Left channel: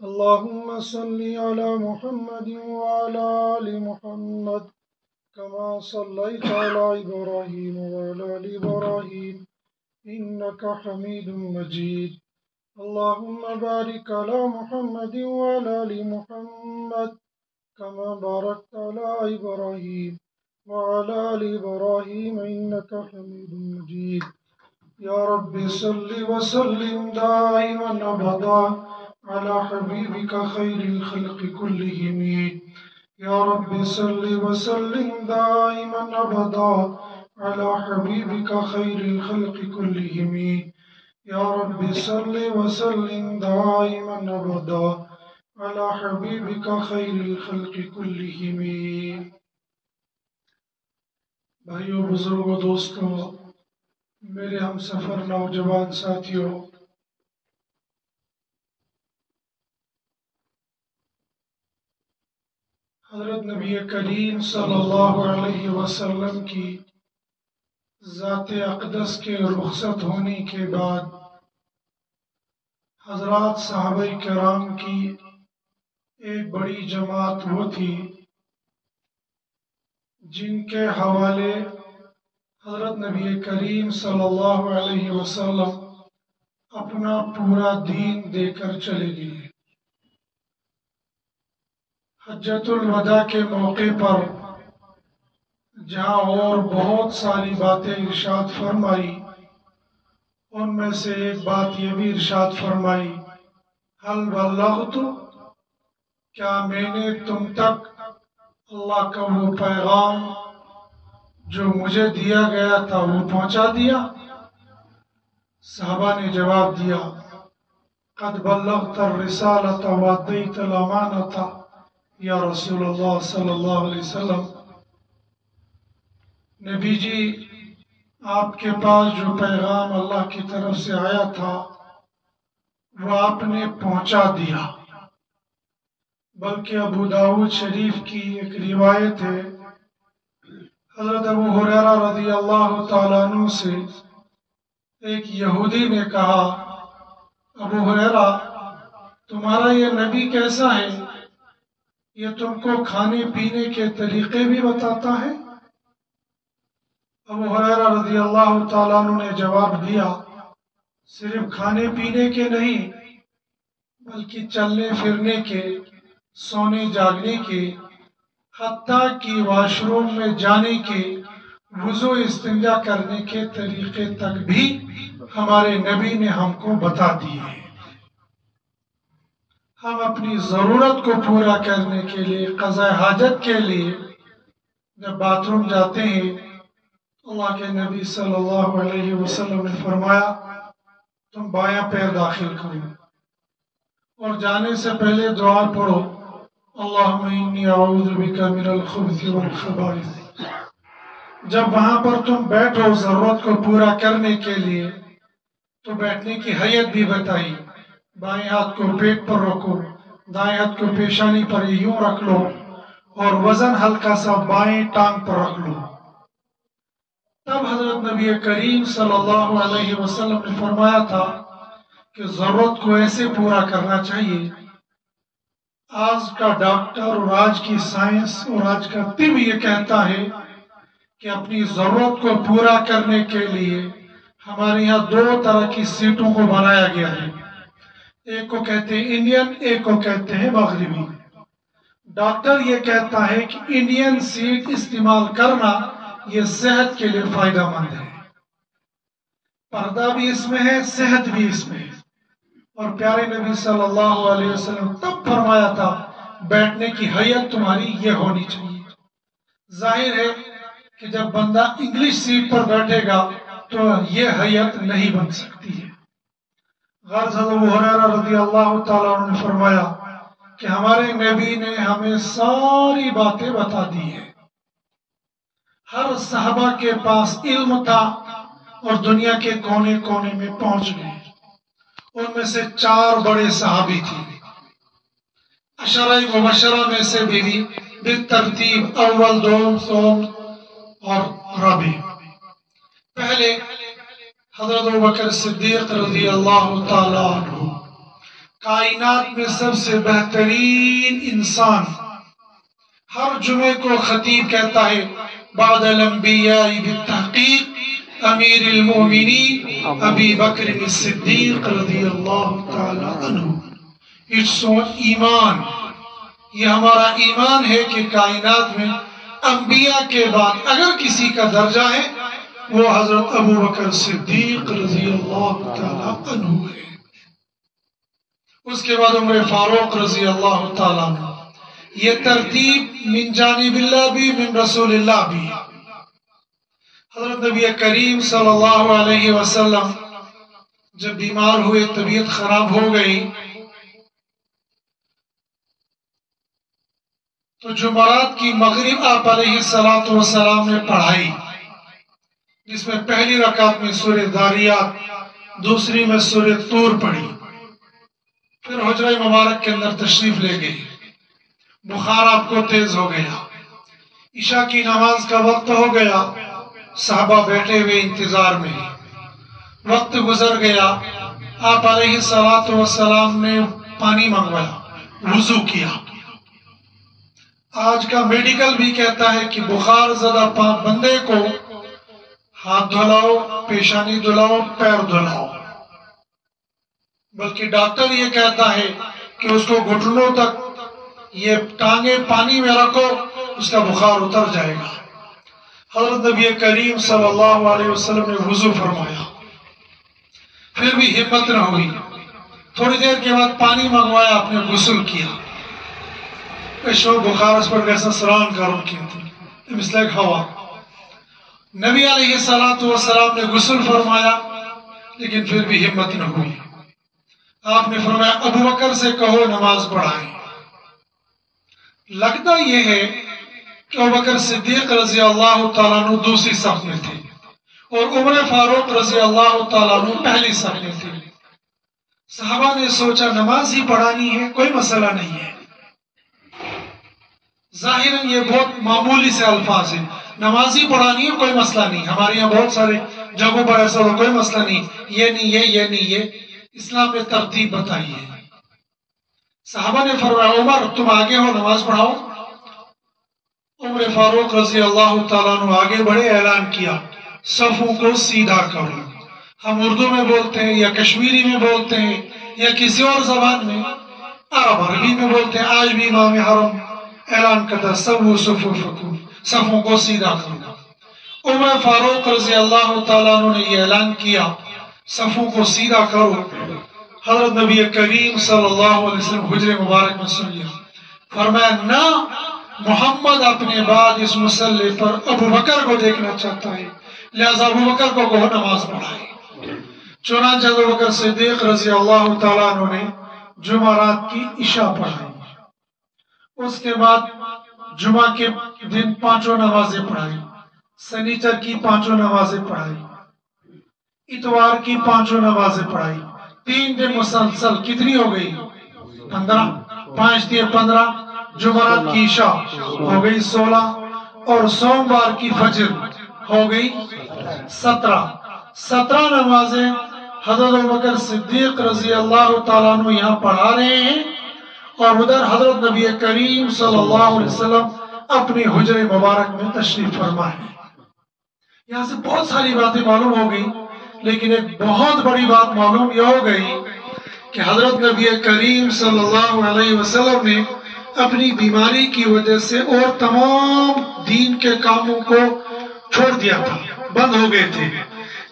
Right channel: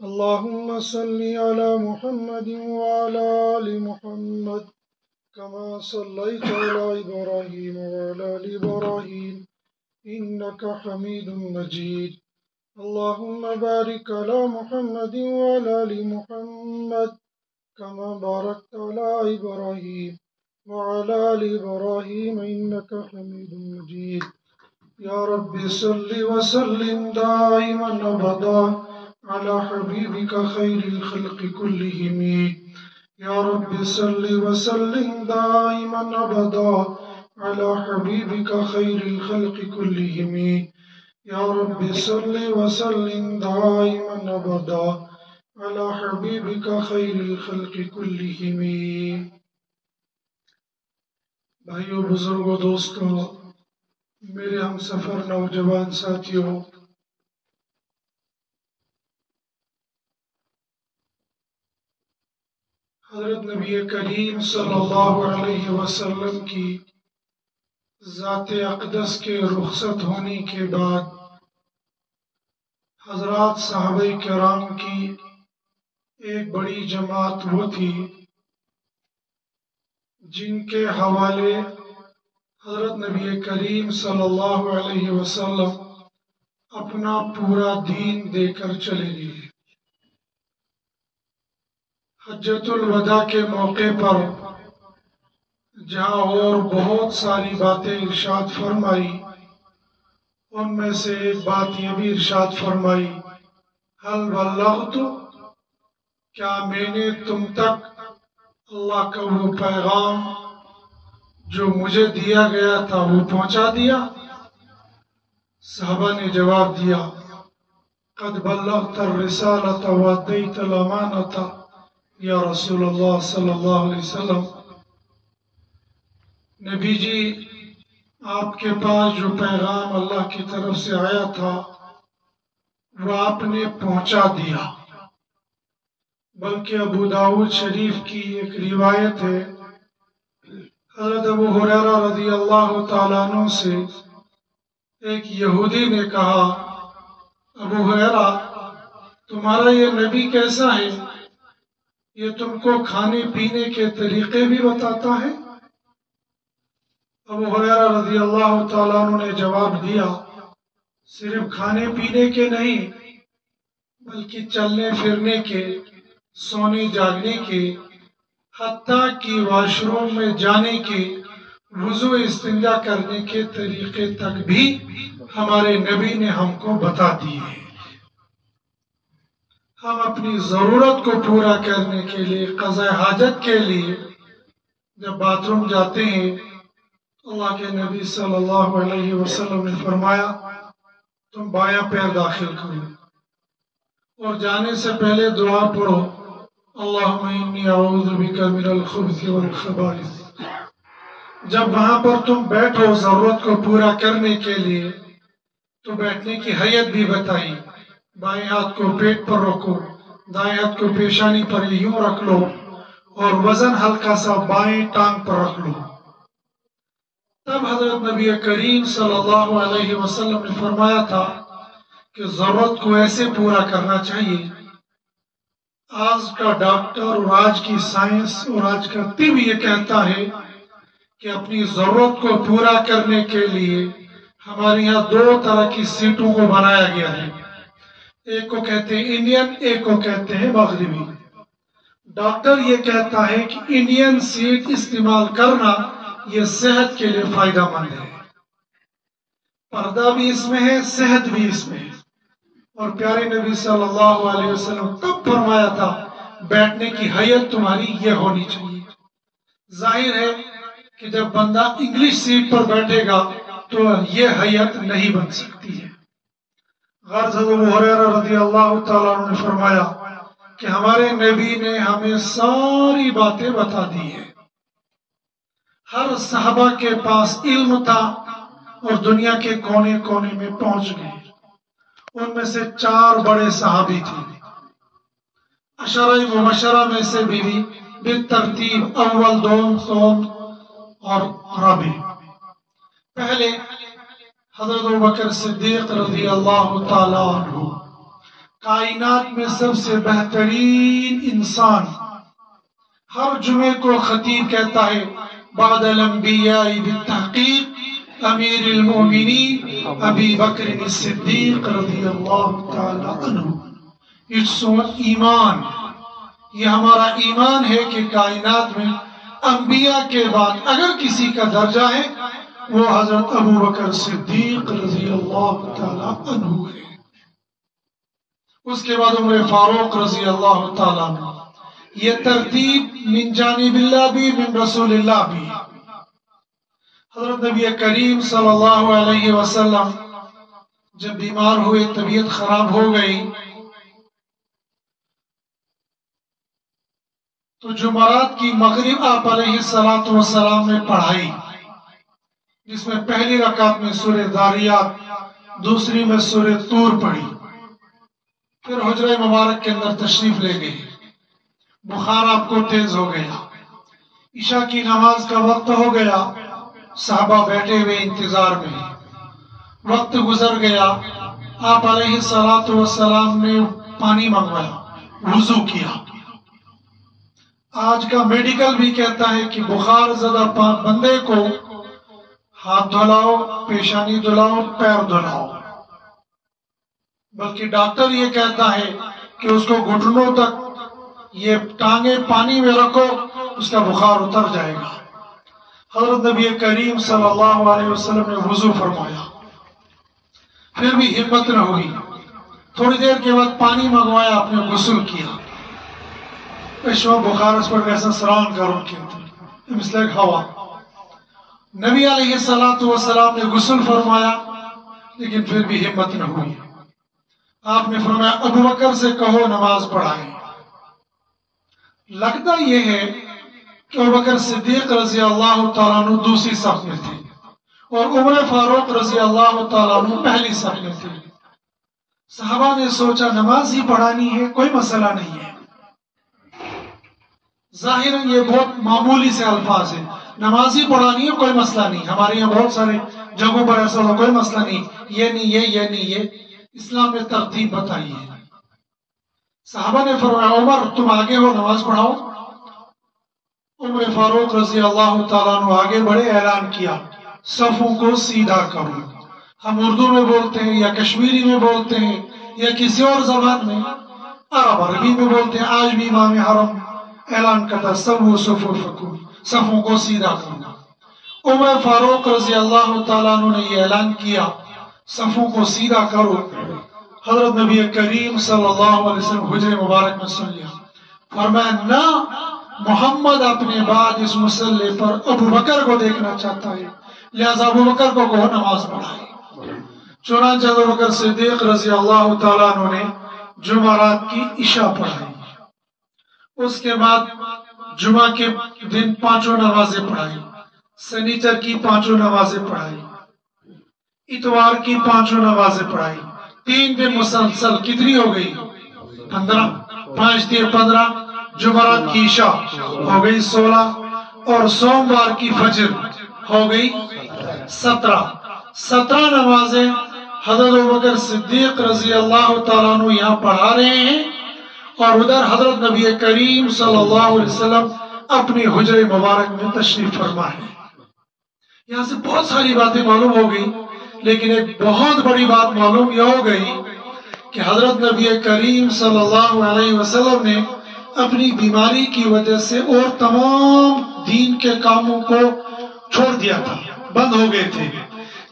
اللهم صل على محمد وعلى آل محمد كما صليت على إبراهيم وعلى آل إبراهيم إنك حميد مجيد. اللهم بارك على محمد وعلى آل محمد كما باركت على إبراهيم وعلى آل إبراهيم إنك حميد مجيد. يا رب صل وسلم دائما أبدا على حبيبك خير الخلق كلهم. يا رب صل وسلم دائما أبدا على حبيبك خير الخلق كلهم. يا رب صل وسلم دائما أبدا على حبيبك خير الخلق كلهم. بھائیو، بزرگوں، دوستوں، میرے ہم سفر نوجوان ساتھیوں، حضرت نبی کریم صلی اللہ علیہ وسلم کی ذات اقدس کے رخصت ہونے کے بعد حضرات صحابہ کرام کی ایک بڑی جماعت وہ تھی جن کے حوالے حضرت نبی کریم صلی اللہ علیہ وسلم اپنا پورا دین دے کر چلے گئے. حجۃ الوداع کے موقع پر جہاں اور بہت ساری باتیں ارشاد فرمائی، ان میں سے ایک بات یہ بھی ارشاد فرمائی، حل بلغت، کیا میں نے تم تک اللہ کا وہ پیغام جو مجھے دیا گیا تھا وہ پہنچا دیا؟ صحابہ نے جواب دیا، قد بلغت الرسالۃ وادیت الامانۃ یا رسول اللہ صلی اللہ علیہ وسلم. نبی جی، آپ کے پاس جو پیغام اللہ کی طرف سے آیا تھا وہ آپ نے پہنچا دیا. بلکہ ابو داؤد شریف کی ایک روایت ہے، حضرت ابو ہریرہ رضی اللہ تعالیٰ عنہ سے ایک یہودی نے کہا، ابو ہریرہ، تمہارا یہ نبی کیسا ہے؟ یہ تم کو کھانے پینے کے طریقے بھی بتاتا ہے؟ ابو ہریرہ رضی اللہ تعالیٰ عنہ نے جواب دیا، صرف کھانے پینے کے نہیں بلکہ چلنے پھرنے کے، سونے جاگنے کے، حتیٰ کہ واش روم میں جانے کے، وضو استنجا کرنے کے طریقے تک بھی ہمارے نبی نے ہم کو بتا دیے. ہم اپنی ضرورت کو پورا کرنے کے لیے، قضاء حاجت کے لیے جب باتھ روم جاتے ہیں، اللہ کے نبی صلی اللہ علیہ وسلم نے فرمایا تم بایاں پیر داخل کرو اور جانے سے پہلے دعا پڑھو، اللہم انی اعوذ بک من الخبث والخبائث. جب وہاں پر تم بیٹھو ضرورت کو پورا کرنے کے لیے تو بیٹھنے کی حیت بھی بتائی، بائیں ہاتھ کو پیٹ پر رکھو، دائیں ہاتھ کو پیشانی پر یوں رکھ لو اور وزن ہلکا سا بائیں ٹانگ پر رکھ لو. تب حضرت نبی کریم صلی اللہ علیہ وسلم نے فرمایا تھا کہ ضرورت کو ایسے پورا کرنا چاہیے. آج کا ڈاکٹر اور آج کی سائنس اور آج کا طب یہ کہتا ہے کہ اپنی ضرورت کو پورا کرنے کے لیے ہمارے یہاں دو طرح کی سیٹوں کو بنایا گیا ہے، ایک کو کہتے ہیں انڈین، ایک کو کہتے ہیں مغربی. ڈاکٹر یہ کہتا ہے کہ انڈین سیٹ استعمال کرنا یہ صحت کے لیے فائدہ مند ہے، پردہ بھی اس میں ہے، صحت بھی اس میں ہے. اور پیارے نبی صلی اللہ علیہ وسلم تب فرمایا تھا بیٹھنے کی حیت تمہاری یہ ہونی چاہیے. ظاہر ہے کہ جب بندہ انگلش سیٹ پر بیٹھے گا تو یہ حیت نہیں بن سکتی ہے. غرض ابو ہریرہ رضی اللہ تعالیٰ عنہ نے فرمایا کہ ہمارے نبی نے ہمیں ساری باتیں بتا دی ہیں. ہر صحابہ کے پاس علم تھا اور دنیا کے کونے کونے میں پہنچ گئے. ان میں سے 4 بڑے صحابی تھے، عشرہ مبشرہ میں سے بھی بالترتیب اول، دوم، سوم اور رابع. پہلے حضرت ابوبکر صدیق رضی اللہ تعالیٰ عنہ، کائنات میں سب سے بہترین انسان ہر جمعے کو خطیب کہتا ہے بعد الانبیاء بالتحقیق امیر المومنین ابی بکر الصدیق رضی اللہ تعالی عنہ. اٹس ایمان، یہ ہمارا ایمان ہے کہ کائنات میں انبیاء کے بعد اگر کسی کا درجہ ہے وہ حضرت ابو بکر صدیق رضی اللہ تعالی عنہ ہے. اس کے بعد عمر فاروق رضی اللہ تعالی عنہ. یہ ترتیب من جانب اللہ بھی من رسول اللہ بھی. حضرت نبی کریم صلی اللہ علیہ وسلم جب بیمار ہوئے، طبیعت خراب ہو گئی، تو جمعرات کی مغرب آپ علیہ السلام نے پڑھائی، جس میں پہلی رکعت میں سورہ داریات، دوسری میں سورہ طور پڑھی. پھر حجرہ مبارک کے اندر تشریف لے گئی. بخار آپ کو تیز ہو گیا، عشاء کی نماز کا وقت ہو گیا، صحابہ بیٹھے ہوئے انتظار میں. وقت گزر گیا، آپ علیہ السلام نے پانی منگوایا، وضو کیا. آج کا میڈیکل بھی کہتا ہے کہ بخار زدہ بندے کو ہاتھ دھلاؤ، پیشانی دھلاؤ، پیر دھلاؤ. بلکہ ڈاکٹر یہ کہتا ہے کہ اس کو گھٹنوں تک یہ ٹانگیں پانی میں رکھو، اس کا بخار اتر جائے گا. حضرت نبی کریم صلی اللہ علیہ وسلم نے وضو فرمایا، پھر بھی ہمت نہ ہوئی. تھوڑی دیر کے بعد پانی منگوایا، آپ نے غسل کیا. بخار اس پر کیسا سران کروں کی مثل ہوا. نبی علیہ السلام نے غسل فرمایا، لیکن پھر بھی ہمت نہ ہوئی. آپ نے فرمایا ابو بکر سے کہو نماز پڑھائیں. لگتا یہ ہے کہ ابو بکر صدیق رضی اللہ تعالیٰ عنہ دوسری صف میں تھے اور عمر فاروق رضی اللہ تعالیٰ عنہ پہلی صف میں تھے. صحابہ نے سوچا نماز ہی پڑھانی ہے، کوئی مسئلہ نہیں ہے. ظاہراً یہ بہت معمولی سے الفاظ ہیں، نماز ہی پڑھانی ہے، کوئی مسئلہ نہیں. ہمارے یہاں بہت سارے جگہوں پر ایسا ہو، کوئی مسئلہ نہیں، یہ نہیں یہ نہیں یہ. اسلام نے ترتیب بتائی ہے. صحابہ نے فرمایا عمر تم آگے ہو، نماز پڑھاؤ. عمر فاروق رضی اللہ تعالیٰ عنہ آگے بڑے، اعلان کیا صفوں کو سیدھا کرو. ہم اردو میں بولتے ہیں یا کشمیری میں بولتے ہیں یا کسی اور زبان میں، عربی میں بولتے ہیں. آج بھی امام حرم اعلان کرتا سووا صفوفکم، صفوں کو سیدھا کرنا. عمر فاروق رضی اللہ تعالیٰ عنہ نے یہ اعلان کیا صفوں کو سیدھا کرو. حضرت نبی کریم صلی اللہ علیہ وسلم حجر مبارک میں سن لیا. فرمایا نہ، محمد اپنے بعد اس مسئلے پر ابو بکر کو دیکھنا چاہتا ہے، لہذا ابو بکر کو کہو نماز پڑھائے. چنانچہ ابو بکر صدیق رضی اللہ تعالیٰ عنہ نے جمعرات کی عشاء پڑھائی. اس کے بعد جمعہ کے دن 5 نمازیں پڑھائی، سنیچر کی 5 نمازیں پڑھائی، اتوار کی 5 نمازیں پڑھائی. 3 دن مسلسل کتنی ہو گئی؟ 15. 5 دن 15. جمعرات کی عشاء ہو گئی 16 اور سوموار کی فجر ہو گئی 17. 17 نمازیں حضرت ابوبکر صدیق رضی اللہ تعالیٰ عنہ یہاں پڑھا رہے ہیں اور ادھر حضرت نبی کریم صلی اللہ علیہ وسلم اپنی حجر مبارک میں تشریف فرما ہے. یہاں سے بہت ساری باتیں معلوم ہو گئی، لیکن ایک بہت بڑی بات معلوم یہ ہو گئی کہ حضرت نبی کریم صلی اللہ علیہ وسلم نے اپنی بیماری کی وجہ سے اور تمام دین کے کاموں کو چھوڑ دیا تھا، بند ہو گئے تھے،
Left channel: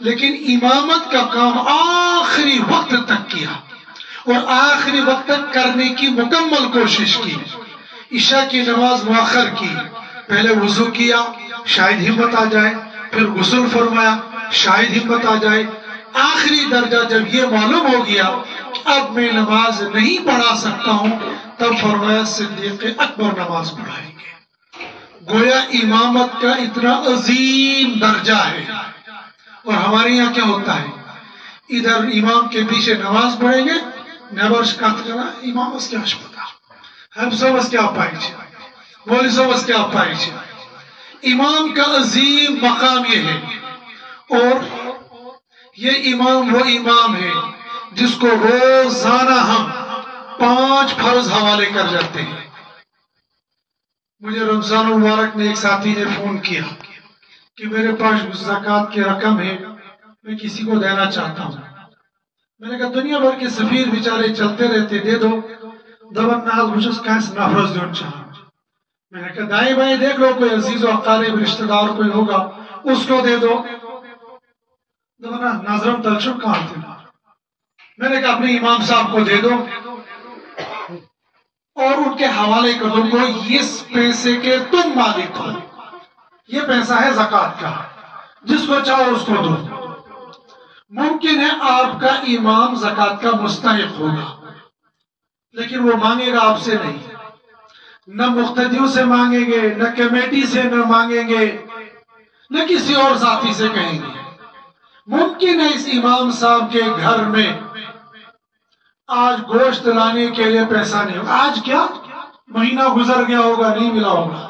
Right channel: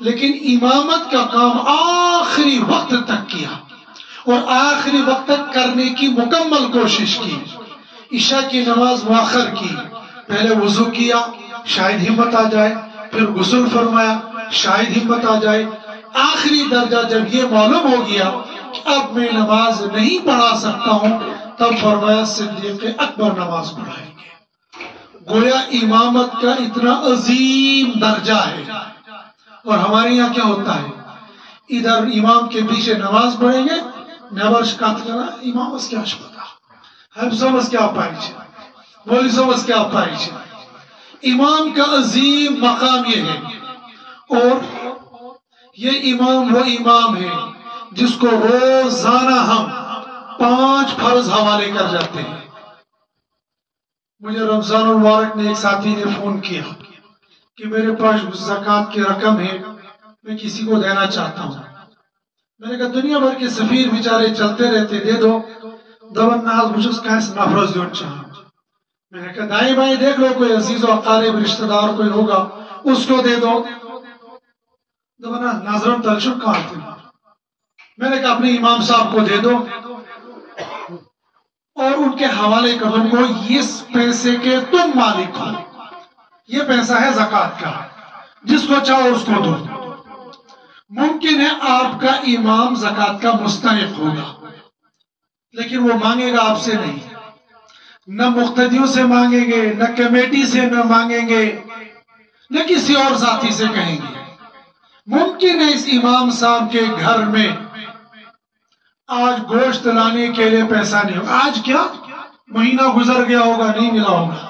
لیکن امامت کا کام آخری وقت تک کیا اور آخری وقت تک کرنے کی مکمل کوشش کی. عشاء کی نماز مؤخر کی، پہلے وضو کیا شاید ہمت آ جائے، پھر غسل فرمایا شاید ہمت آ جائے. آخری درجہ جب یہ معلوم ہو گیا کہ اب میں نماز نہیں پڑھا سکتا ہوں، تب فرمایا صدیق اکبر نماز پڑھائیں گے. گویا امامت کا اتنا عظیم درجہ ہے. اور ہمارے یہاں کیا ہوتا ہے، ادھر امام کے پیچھے نماز پڑھیں گے، نبرش کاتنا امام اس کے اشپتا ہم سب اس کے آپ پائی چھے بولی سب اس کے آپ پائی چھے. امام کا عظیم مقام یہ ہے، اور یہ امام وہ امام ہے جس کو روزانہ ہم 5 فرض حوالے کر جاتے ہیں. مجھے رمضان المبارک نے ایک ساتھی نے فون کیا کہ میرے پاس زکوٰۃ کی رقم ہے، میں کسی کو دینا چاہتا ہوں. میں نے کہا دنیا بھر کے سفیر بیچارے چلتے رہتے، دے دو. دبن نال بچس کانس نفرز دون چاہوں. میں نے کہا دائیں بائیں دیکھ لو، کوئی عزیز و اقارب رشتہ دار کوئی ہوگا اس کو دے دو. دبنا ناظرم تلشن کہاں تھے. میں نے کہا اپنے امام صاحب کو دے دو اور ان کے حوالے کر دو کو، اس پیسے کے تم مالک ہو، یہ پیسہ ہے زکوٰۃ کا، جس کو چاہو اس کو دو. ممکن ہے آپ کا امام زکوٰۃ کا مستحق ہوگا، لیکن وہ مانگے گا آپ سے نہیں، نہ مقتدیوں سے مانگیں گے، نہ کمیٹی سے نہ مانگیں گے، نہ کسی اور ساتھی سے کہیں گے. ممکن ہے اس امام صاحب کے گھر میں آج گوشت لانے کے لیے پیسہ نہیں ہوگا. آج کیا مہینہ گزر گیا ہوگا، نہیں ملا ہوگا.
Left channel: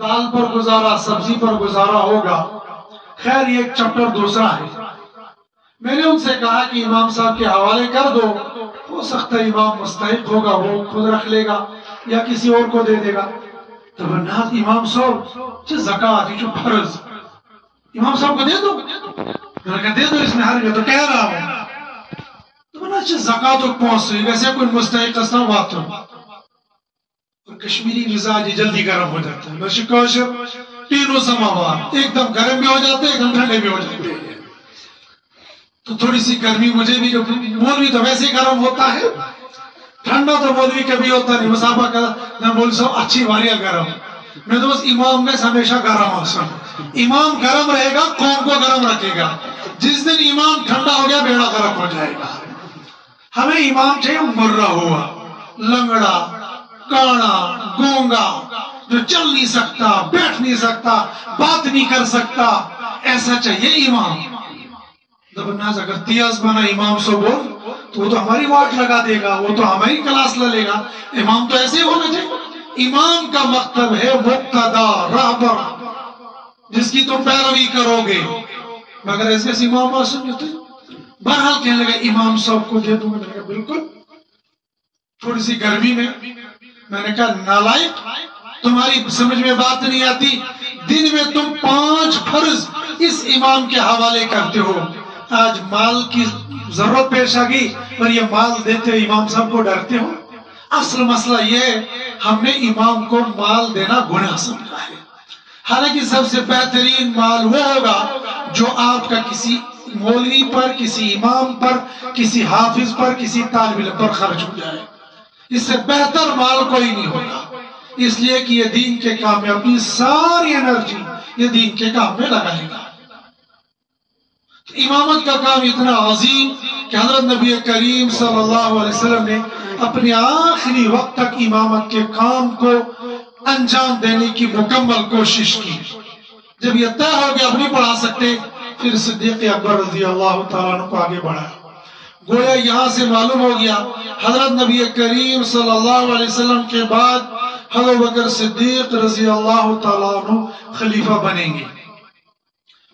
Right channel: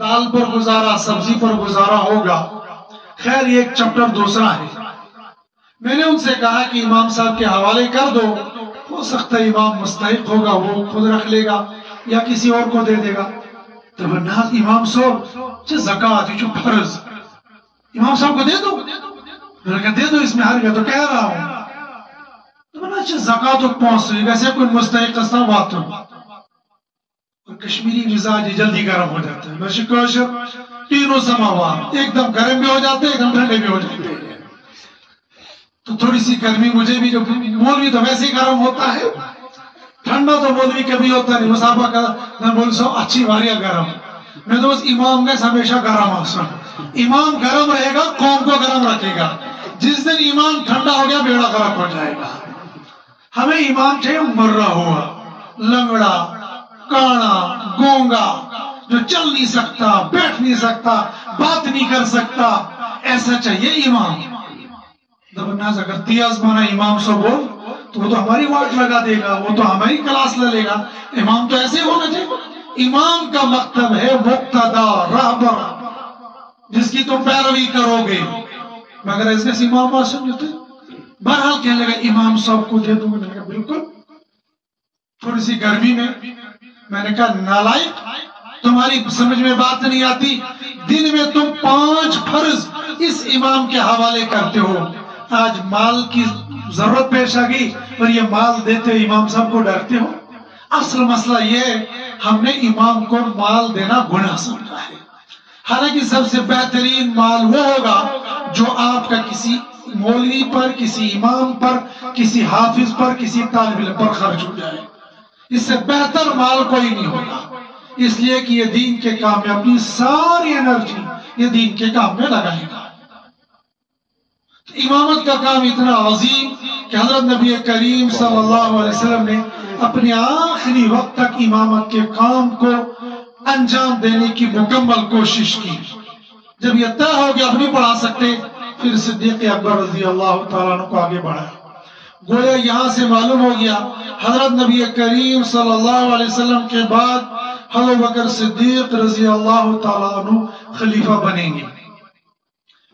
دال پر گزارا، سبزی پر گزارا ہوگا. خیر یہ ایک چپٹر دوسرا ہے. میں نے ان سے کہا کہ امام صاحب کے حوالے کر دو، ہو سکتا ہے امام مستحق ہوگا، وہ خود رکھ لے گا یا کسی اور کو دے دے گا. تو ناز امام صاحب زکوٰۃ یہ فرض امام صاحب کو دے دو. میں نے کہا دے دو، اس میں ہر تو کہہ رہا ہوں. زکوٰۃ پہنچ ویسے کوئی مستحق قسم بات ہو. اور کشمیری مزاج جلدی گرم ہو جاتا ہے. میں تینوں سماوار ایک دم گرم بھی ہو جاتے ہیں، ایک دم ٹھنڈے بھی ہو جاتے ہیں. تو تھوڑی سی گرمی مجھے بھی، مولوی تو ویسے گرم ہوتا ہے، ٹھنڈا تو مولوی کبھی ہوتا نہیں. مسافہ کا میں بول سو اچھی واریاں گرم. میں تو بس امام میں ہمیشہ گرم آسا. امام گرم رہے گا قوم کو گرم رکھے گا. جس دن امام ٹھنڈا ہو گیا بیڑا غرق ہو جائے گا. ہمیں امام چاہیے مرہ ہوا، لنگڑا، کانا، گونگا، جو چل نہیں سکتا، بیٹھ نہیں سکتا، بات نہیں کر سکتا، ایسا چاہیے امام. دبناز اگر تیاز بنا امام سے بول تو وہ تو ہماری واٹ لگا دے گا، وہ تو ہماری کلاس لے گا. امام تو ایسے ہونا چاہیے. امام کا مطلب ہے مقتدا، رہبر، جس کی تم پیروی کرو گے. مگر ایسے امام بات سمجھتے بہرحال کہنے لگا امام صاحب کو دے دوں. میں نے کہا بالکل. تھوڑی سی گرمی میں نے کہا نالائق، تمہاری سمجھ میں بات نہیں آتی. دن میں تم 5 فرض اس امام کے حوالے کرتے ہو. آج مال کی ضرورت پیش آ گئی اور یہ مال دیتے امام صاحب کو ڈرتے ہو. اصل مسئلہ یہ ہے ہم نے امام کو مال دینا گناہ سمجھا ہے. حالانکہ سب سے بہترین مال وہ ہوگا جو آپ کا کسی مولوی پر، کسی امام پر، کسی حافظ پر، کسی طالب علم پر خرچ ہو جائے. اس سے بہتر مال کوئی نہیں ہوگا. اس لیے کہ یہ دین کے کام میں اپنی ساری انرجی یہ دین کے کام میں لگائے گا. امامت کا کام اتنا عظیم کہ حضرت نبی کریم صلی اللہ علیہ وسلم نے اپنے آخری وقت تک امامت کے کام کو انجام دینے کی مکمل کوشش کی. جب یہ طے ہو گیا اب نہیں پڑھا سکتے، پھر صدیق اکبر رضی اللہ تعالیٰ عنہ کو آگے بڑھا. گویا یہاں سے معلوم ہو گیا حضرت نبی کریم صلی اللہ علیہ وسلم کے بعد حضرت بکر صدیق رضی اللہ تعالیٰ عنہ خلیفہ بنیں گے.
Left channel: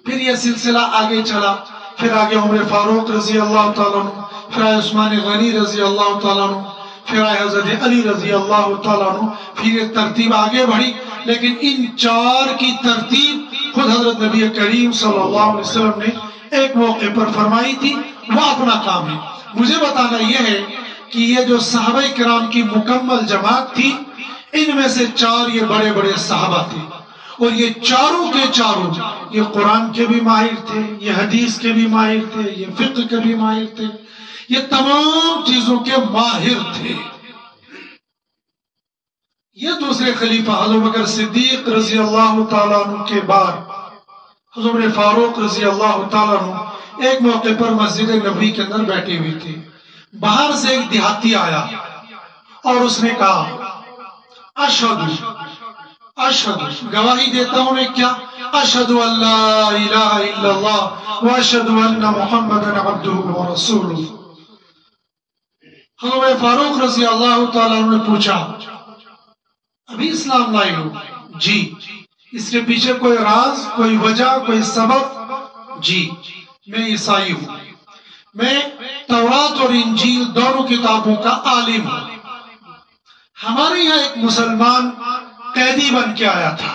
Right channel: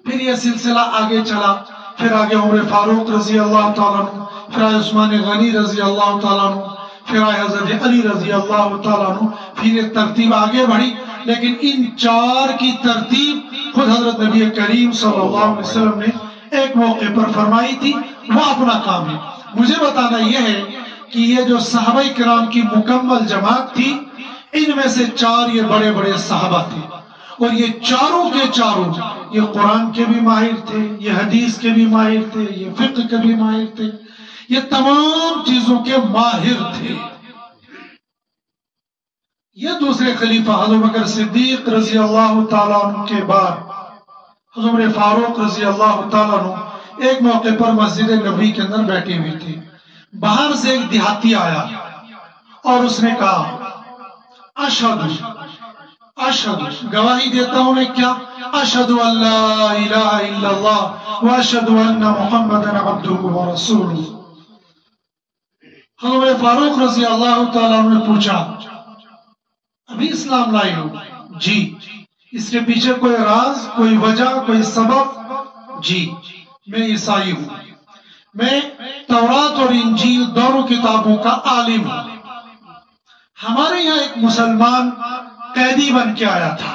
پھر یہ سلسلہ آگے چلا. پھر آگے عمر فاروق رضی اللہ تعالیٰ عنہ، پھر آئے عثمان غنی رضی اللہ تعالیٰ عنہ، پھر آئے حضرت علی رضی اللہ تعالیٰ عنہ. پھر یہ ترتیب آگے بڑھی. لیکن ان 4 کی ترتیب خود حضرت نبی کریم صلی اللہ علیہ وسلم نے ایک موقع پر فرمائی تھی. وہ اپنا کام ہے. مجھے بتانا یہ ہے کہ یہ جو صحابہ کرام کی مکمل جماعت تھی، ان میں سے 4 یہ بڑے بڑے صحابہ تھے. اور یہ چاروں کے چاروں یہ قرآن کے بھی ماہر تھے، یہ حدیث کے بھی ماہر تھے، یہ فقہ کے بھی ماہر تھے، یہ تمام چیزوں کے ماہر تھے. یہ دوسرے خلیفہ حضرت بکر صدیق رضی اللہ تعالیٰ عنہ کے بعد حضرت فاروق رضی اللہ تعالیٰ عنہ ایک موقع پر مسجد نبوی کے اندر بیٹھے ہوئے تھے. باہر سے ایک دیہاتی آیا اور اس نے کہا اشہد گواہی دیتا ہوں میں کیا، اشہد ان لا الہ الا اللہ واشہد ان محمد عبدہ ورسولہ. حضرت فاروق رضی اللہ تعالیٰ عنہ نے پوچھا ابھی اسلام لائے ہو؟ جی. اس کے پیچھے کوئی راز، کوئی وجہ، کوئی سبب؟ جی میں عیسائی ہوں. میں تورات اور انجیل دونوں کتابوں کا عالم ہوں. ہمارے یہاں ایک مسلمان قیدی بن کے آیا تھا.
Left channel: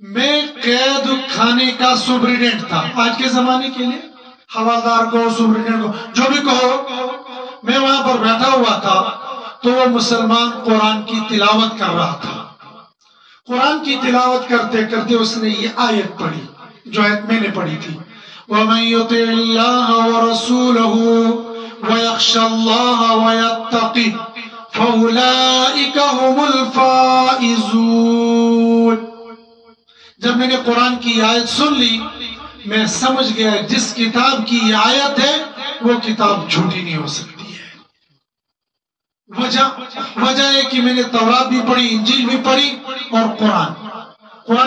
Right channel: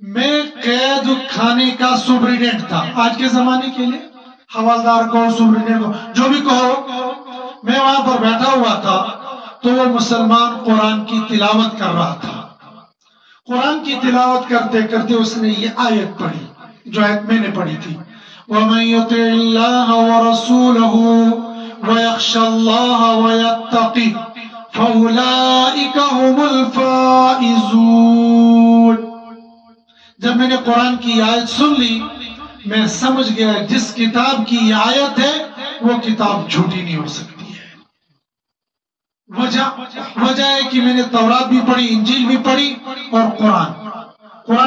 میں قید خانے کا سپرنٹینڈنٹ تھا. آج کے زمانے کے لیے حوالدار کو سپرنٹینڈنٹ کو جو بھی کہو. میں وہاں پر بیٹھا ہوا تھا تو وہ مسلمان قرآن کی تلاوت کر رہا تھا. قرآن کی تلاوت کرتے کرتے اس نے یہ آیت پڑھی جو آیت میں نے پڑھی تھی. وَمَن يُطِعِ اللَّهَ وَرَسُولَهُ وَيَخْشَ اللَّهَ وَيَتَّقِهُ فَأُولَئِكَ هُمُ الْفَائِزُونَ. جب میں نے قرآن کی آیت سن لی میں سمجھ گیا جس کتاب کی یہ آیت ہے وہ کتاب جھوٹی نہیں ہو سکتی ہے. وجہ ہے کہ میں نے تورات بھی پڑھی, انجیل بھی پڑھی اور قرآن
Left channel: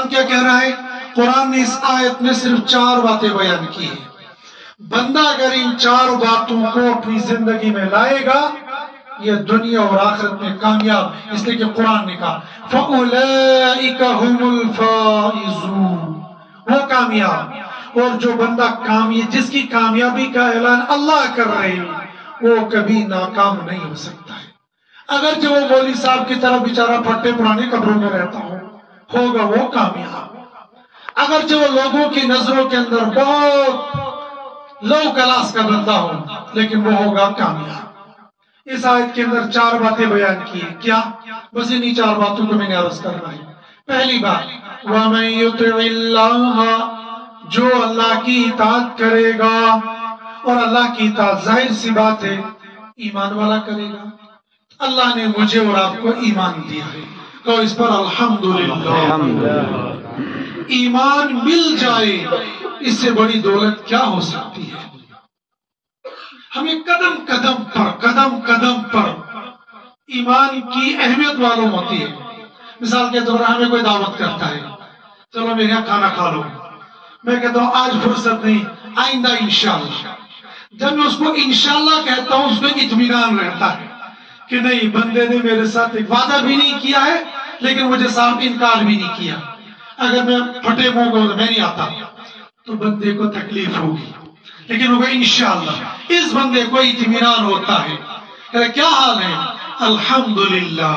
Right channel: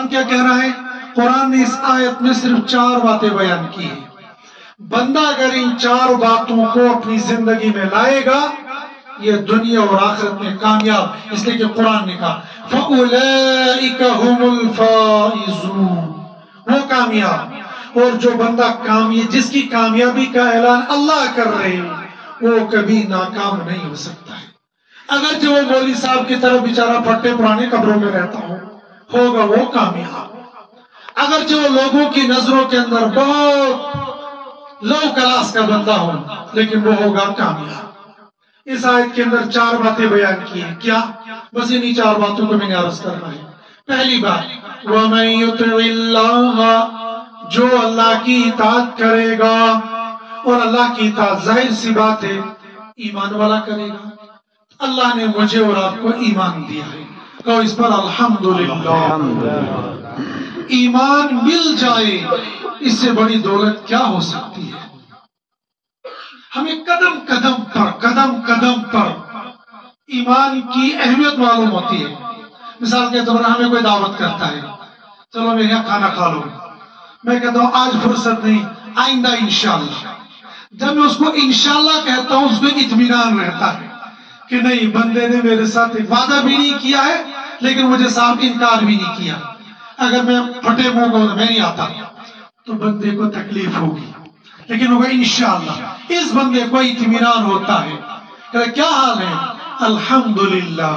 کیا کہہ رہا ہے. قرآن نے اس آیت میں صرف 4 باتیں بیان کی ہیں. بندہ اگر ان 4 باتوں کو اپنی زندگی میں لائے گا یہ دنیا اور آخرت میں کامیاب. اس لیے کہ قرآن نے کہا فَأُولَئِكَ هُمُ الْفَائِزُونَ, وہ کامیاب. اور جو بندہ جس کی کامیابی کا اعلان اللہ کر رہے ہیں وہ کبھی ناکام نہیں ہو سکتا ہے. اگر جو مولوی صاحب کی طرف بیچارہ پھٹے پرانے قبروں میں رہتا ہوگا وہ کامیاب. اگر جو لوگوں کی نظروں کے اندر بہت لو کلاس کا بندہ ہو لیکن وہ ہوگا کامیاب. اس آیت کے اندر 4 باتیں بیان کی ہیں. کیا؟ بس انہی 4 باتوں کو میں نے عرض کرنا ہے. پہلی بات وَمَن يُطِعِ اللَّهَ, جو اللہ کی اطاعت کرے گا. اور اللہ کی اطاعت ظاہر سی بات ہے ایمان والا کرے گا. اللہ نے مجھے اور آپ کو ایمان دیا ہے تو اس پر الحمدللہ. ایمان مل جائے اس سے بڑی دولت کیا ہو سکتی ہے. ہمیں قدم قدم پر ایمان کی اہمیت معلوم ہوتی ہے. مثال کے طور پر ہمیں کوئی دعوت کرتا ہے, چلو میرے یہاں کھانا کھا لو. میں کہتا ہوں آج فرصت نہیں, آئندہ انشاءاللہ. جب میں اس کو انشاءاللہ کہتا ہوں اس میں اطمینان رہتا ہے کہ نہیں بندے نے میرے ساتھ وعدہ بھی نہیں کیا ہے لیکن مجھے صاحب انکار بھی نہیں کیا. اگر میں پھٹے منہ کو میں نہیں آتا تو بندے کو تکلیف ہوگی لیکن وہ انشاءاللہ. اس بندے کو اطمینان ہوتا ہے کہ کیا حال ہے الحمدللہ.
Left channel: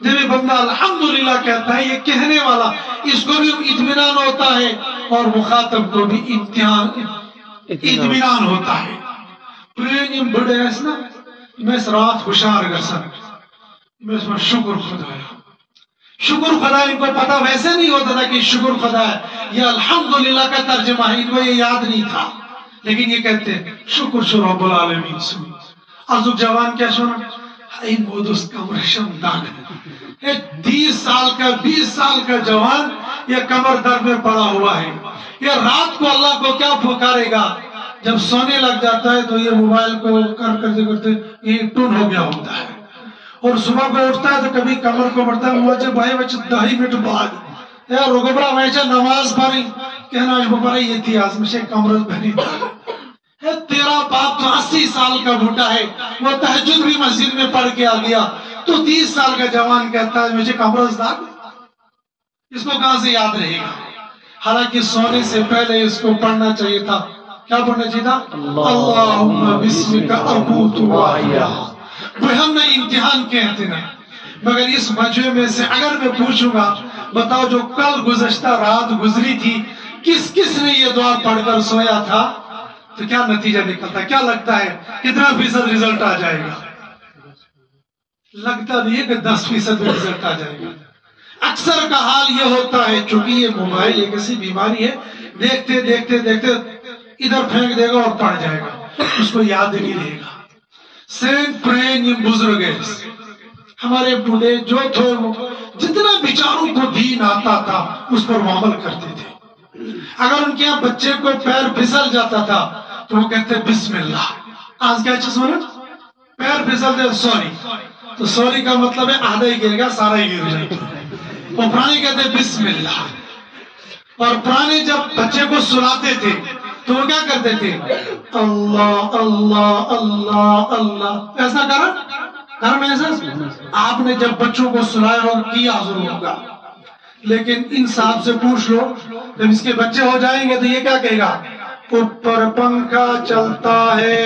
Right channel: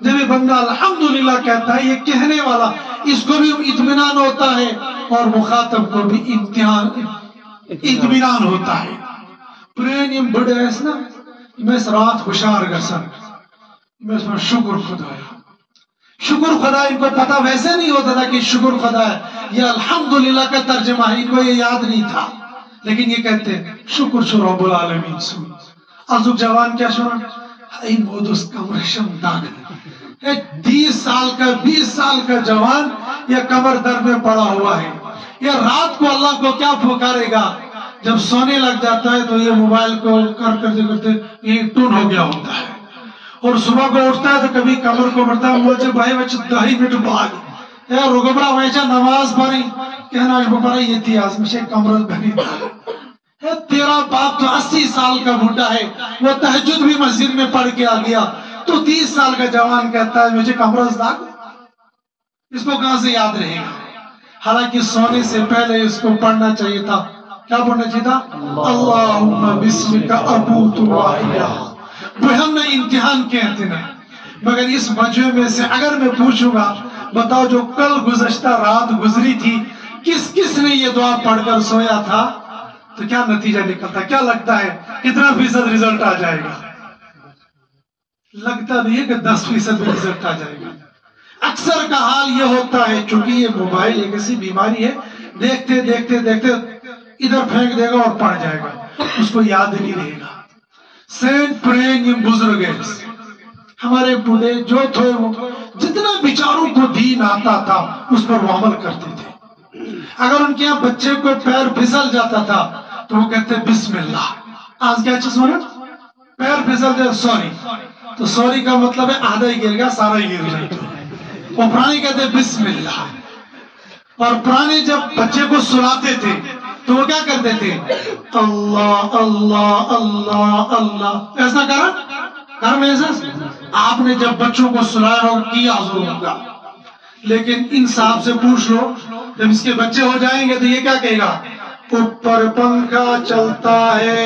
جب یہ بندہ الحمدللہ کہتا ہے یہ کہنے والا اس کو بھی اطمینان ہوتا ہے اور مخاطب کو بھی اطمینان ہوتا ہے. پرین بڑے ایس نا میں اس رات خوشار گرسن میں اس میں شکر خدا ان کو پتا ویسے نہیں ہوتا تھا کہ شکر خدا ہے. یہ الحمدللہ کا ترجمہ ہے, ان کو یہ یاد نہیں تھا لیکن یہ کہتے ہیں شکر شو رب العالمین. ازو جوان کیا شونا این مودس کمر شم داغ 20 سال کا جوان یہ کمر درد میں پڑا ہوا ہے. یہ رات کو اللہ کو کیا پکارے گا. جب سونے لگ جاتا ہے تو یہ موبائل کو کرتے یہ ٹون ہو گیا ہوتا ہے اور صبح کو اٹھتا ہے تو کبھی کمر کو بڑھتا ہے مجھے بھائی بچے 2.5 منٹ بعد یا رگبرا ویچا نماز پڑھی کہنا بپرا یہ تھی آج مجھے کمرت بنی تھا. تیرا باپ تو 80 سال کا بھوٹا ہے وہ تہجد بھی مسجد میں پڑھ کے آ گیا تو 30 سال کا جوان کہتا ہے مجھے کمرت داغ. اس کو کہاں سے یاد رہے گا. حالانکہ سونے سے پہلے اس کو پڑھنا چاہیے تھا. کیا پڑھنا چاہیے تھا اللہم بسمک ابوت و احیا. وہ ہم نے امتحان کہتے ہیں مگر اس مجمع میں سے اگر میں پوچھوں گا بتاؤ جو کل گزشتہ رات گزری تھی کس نے یہ دعا پڑھ کر سویا تھا تو کیا نتیجہ نکلتا. کیا لگتا ہے کتنا فیصد رزلٹ آ جائے گا. لگتا نہیں ہے کہ 10% میں رزلٹ آ جائے گا. اکثر کا حال یہ ہوتا ہے چونکہ یہ موبائل ایک ایسی بیماری ہے دیکھتے دیکھتے دیکھتے ادھر پھینک دے گا اور پڑ جائے گا اس کو یاد نہیں رہے گا. سینٹ پرین یہ بزرگ ہے ہمارے بوڑھے جو تھے وہ جتنا بیچاروں کو دین آتا تھا اس پر وہ عمل کرتے تھے. اگر ان کے یہاں بچے کو پیر پھسل جاتا تھا تو وہ کہتے بسم اللہ. آج کیا چیز ہونا پیر پھسل جائے سوری تو سوری کا مطلب ہے آدھا ہی گر گیا سارا ہی گر جائے. وہ پرانے کہتے بسم اللہ. اور پرانے جب بچے کو سلاتے تھے تو وہ کیا کرتے تھے اللہ اللہ اللہ اللہ. ایسا آپ نے جب بچوں کو سلایا اور کیا ضرور ہوگا لیکن ان صاحب سے پوچھ لو جب اس کے بچے ہو جائیں گے تو یہ کیا کہے گا اوپر پنکھا چلتا ہے،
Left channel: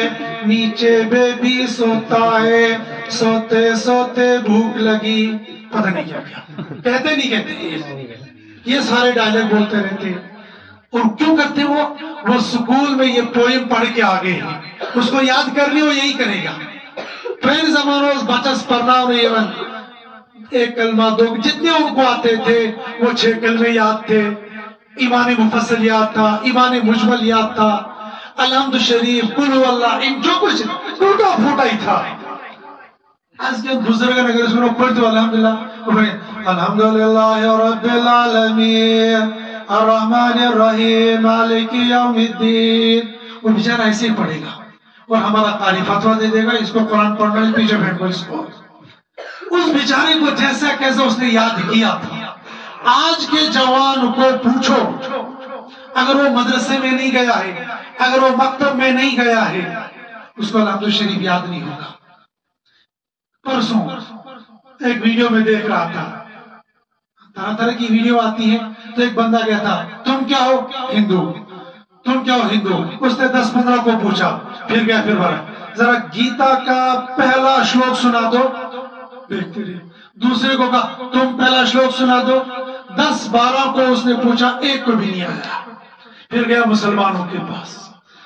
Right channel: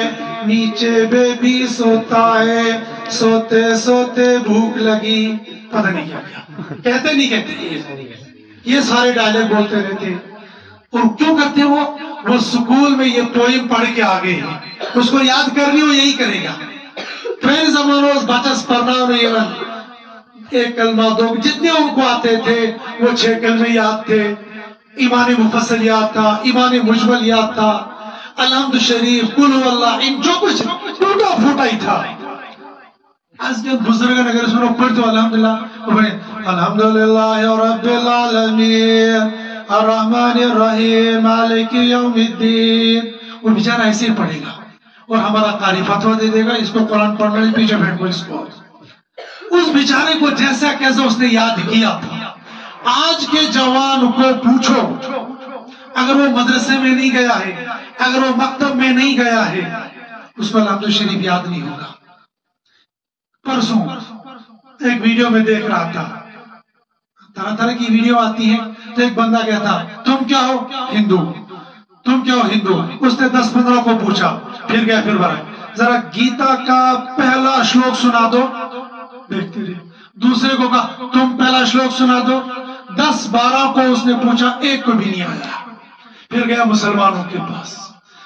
نیچے بیبی سوتا ہے، سوتے سوتے بھوک لگی، پتہ نہیں کیا کہتے نہیں کہتے، یہ سارے ڈائلاگ بولتے رہتے ہیں۔ اور کیوں کرتے ہیں وہ سکول میں یہ پوئم پڑھ کے آگے ہیں، اس کو یاد کرنی ہو یہی کرے گا۔ پہلے زمانوں بچس پڑھنا اور ایک کلمہ دو جتنے ان کو آتے تھے وہ 6 کلمے یاد تھے، ایمان مفصل یاد تھا، ایمان مجمل یاد تھا، الحمد شریف، قل هو اللہ، ان جو کچھ ٹوٹا پھوٹا ہی تھا۔ آج کے بزرگان اگر اس میں پڑھ تو الحمدللہ، الحمدللہ رب العالمین الرحمن الرحیم مالک یوم الدین، وہ بیچارہ ایسے ہی پڑھے گا اور ہمارا قاری فتویٰ دے دے گا اس کو قرآن پڑھنا ہے، پیچھے بیٹھ کو اس کو، اس بیچارے کو جیسا کیسا اس نے یاد کیا تھا۔ آج کے جوان کو پوچھو، اگر وہ مدرسے میں نہیں گیا ہے، اگر وہ مکتب میں نہیں گیا ہے، اس کو الحمد شریف یاد نہیں ہوگا۔ پرسوں ایک ویڈیو میں دیکھ رہا تھا، طرح طرح کی ویڈیو آتی ہے، تو ایک بندہ کہتا تم کیا ہو؟ ہندو۔ تم کیا ہو؟ ہندو۔ اس نے 10-15 کو پوچھا، پھر گیا پھر بڑا، ذرا گیتا کا پہلا شلوک سنا دو، دیکھتے رہے۔ دوسرے کو کہا تم پہلا شلوک سنا دو، 10-12 کو اس نے پوچھا، ایک کو بھی نہیں آیا۔ پھر گیا مسلمانوں کے پاس،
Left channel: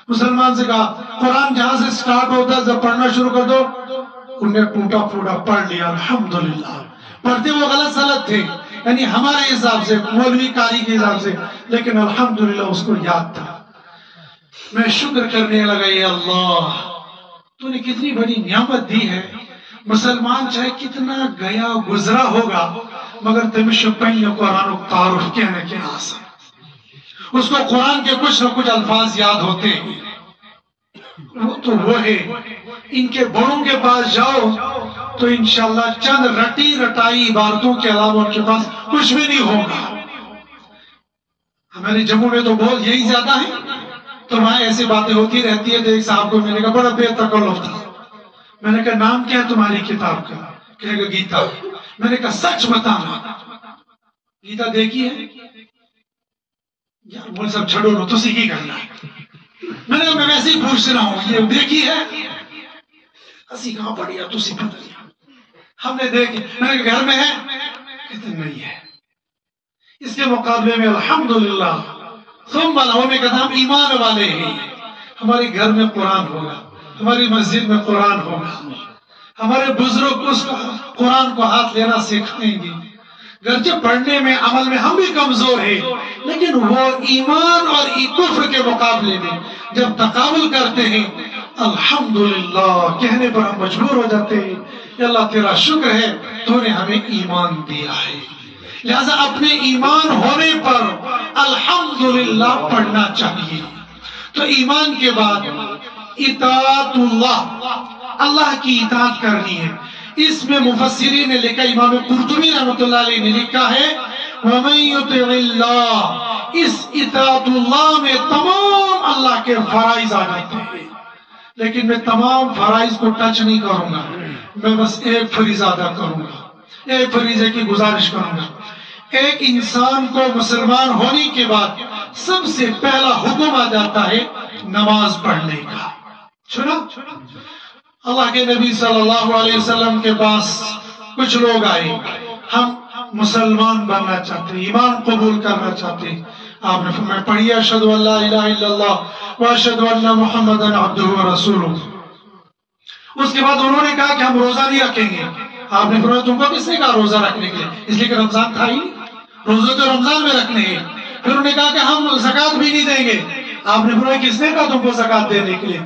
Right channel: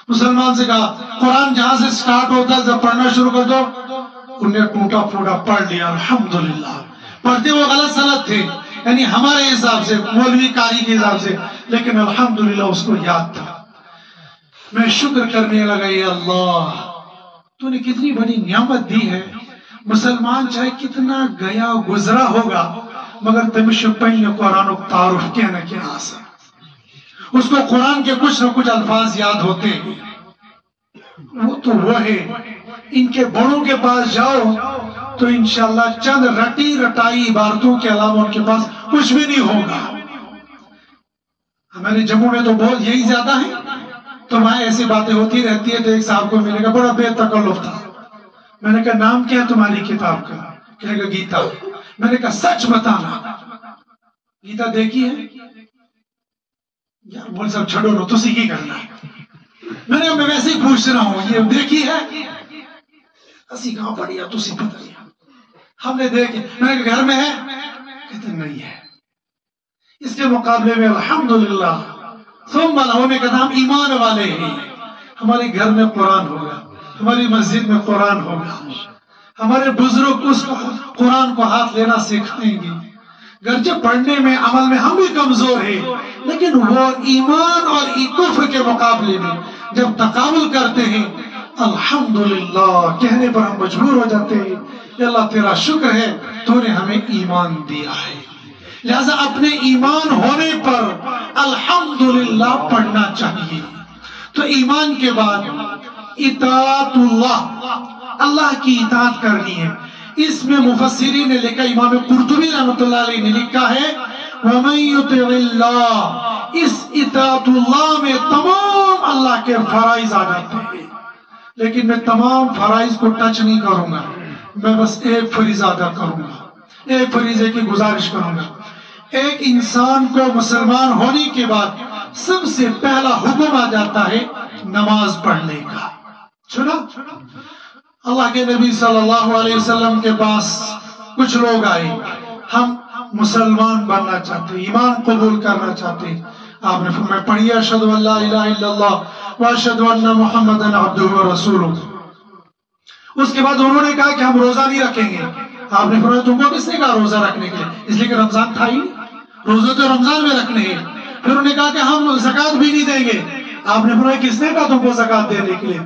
مسلمان سے کہا قرآن جہاں سے سٹارٹ ہوتا ہے جب پڑھنا شروع کر دو، انہوں نے ٹوٹا پھوٹا پڑھ لیا، الحمدللہ۔ پڑھتے وہ غلط سلط تھے، یعنی ہمارے حساب سے، مولوی قاری کے حساب سے، لیکن الحمدللہ اس کو یاد تھا۔ میں شکر کرنے لگا، یا اللہ تو نے کتنی بڑی نعمت دی ہے۔ مسلمان چاہے کتنا گیا گزرا ہوگا مگر تمہیں پہلے قرآن و تعارف کہنے کے آسان، اس کو قرآن کے کچھ نہ کچھ الفاظ یاد ہوتے ہیں، وہ تو وہ ہے۔ ان کے بڑوں کے پاس جاؤ تو انشاءاللہ چند رٹی رٹائی عبارتوں کے علاوہ ان کے پاس کچھ بھی نہیں ہوگا۔ ہمارے جموں میں تو بہت یہی زیادہ ہے، تو وہاں ایسی باتیں ہوتی رہتی ہے۔ تو ایک صاحب کو میں نے کہا بڑا بے تکلف تھا، میں نے کہا نام کیا تمہاری کتاب کا؟ کہنے کا گیتا۔ میں نے کہا سچ بتانا، گیتا دیکھی ہے؟ یار بول سب چھڑو رو، تسی کی کرنا؟ میں نے کہا میں ویسے ہی پوچھ رہا ہوں، یہ دیکھی ہے؟ اسی کہاں پڑھی ہے تسی پتہ نہیں، ہم نے دیکھی۔ میں نے کہا گھر میں ہے؟ کہتے نہیں ہے۔ اس کے مقابلے میں الحمدللہ ثم ہونے کا نام ایمان والے ہیں۔ ہمارے گھر میں قرآن ہوگا، ہماری مسجد میں قرآن ہوگا، ہمارے بزرگ اس قرآن کو ہاتھ لینا سکھائیں گے۔ گرچہ پڑھنے میں عمل میں ہم بھی کمزور ہیں، لیکن وہ ایمان اور کفر کے مقابلے میں جب تقابل کرتے ہیں الحمدللہ کہنے پر ہم مجبور ہو جاتے ہیں کہ اللہ تیرا شکر ہے تو نے ہمیں ایمان دیا ہے۔ لہذا اپنے ایمان ہونے پر الحمدللہ پڑھنا چاہیے۔ تو ایمان کے بعد اطاعت اللہ کی اطاعت کرنی ہے۔ اس میں مفسرین نے لکھا، امام قرطبی رحمۃ اللہ علیہ نے لکھا ہے وَمَن يُطِعِ اللَّهِ، اس اطاعت اللہ میں تمام اللہ کے فرائض آ جاتے ہیں، لیکن میں تمام فرائض کو ٹچ نہیں کروں گا، میں بس ایک فریضہ ادا کروں گا، ایک فریضے کی گزارش کروں گا۔ ایک انسان کو مسلمان ہونے کے بعد سب سے پہلا حکم آ جاتا ہے نماز پڑھنے کا۔ سنا اللہ کے نبی صلی اللہ علیہ وسلم کے پاس کچھ لوگ آئے، ہم مسلمان بننا چاہتے، ایمان قبول کرنا چاہتے۔ آپ نے فرمایا پڑھیے اشہد ان لا الہ الا اللہ واشہد ان محمدا عبدہ ورسولہ۔ اس کے بعد انہوں نے کہا کہ ہم روزہ نہیں رکھیں گے۔ آپ نے فرمایا تم کو کس نے کہا روزہ رکھنے کے لیے؟ اس لیے کہ رمضان تھا ہی، روزے تو رمضان میں رکھنے ہیں۔ پھر انہوں نے کہا کہ ہم زکوٰۃ بھی نہیں دیں گے۔ آپ نے فرمایا کس نے کہا تم کو زکوٰۃ دینے کے لیے؟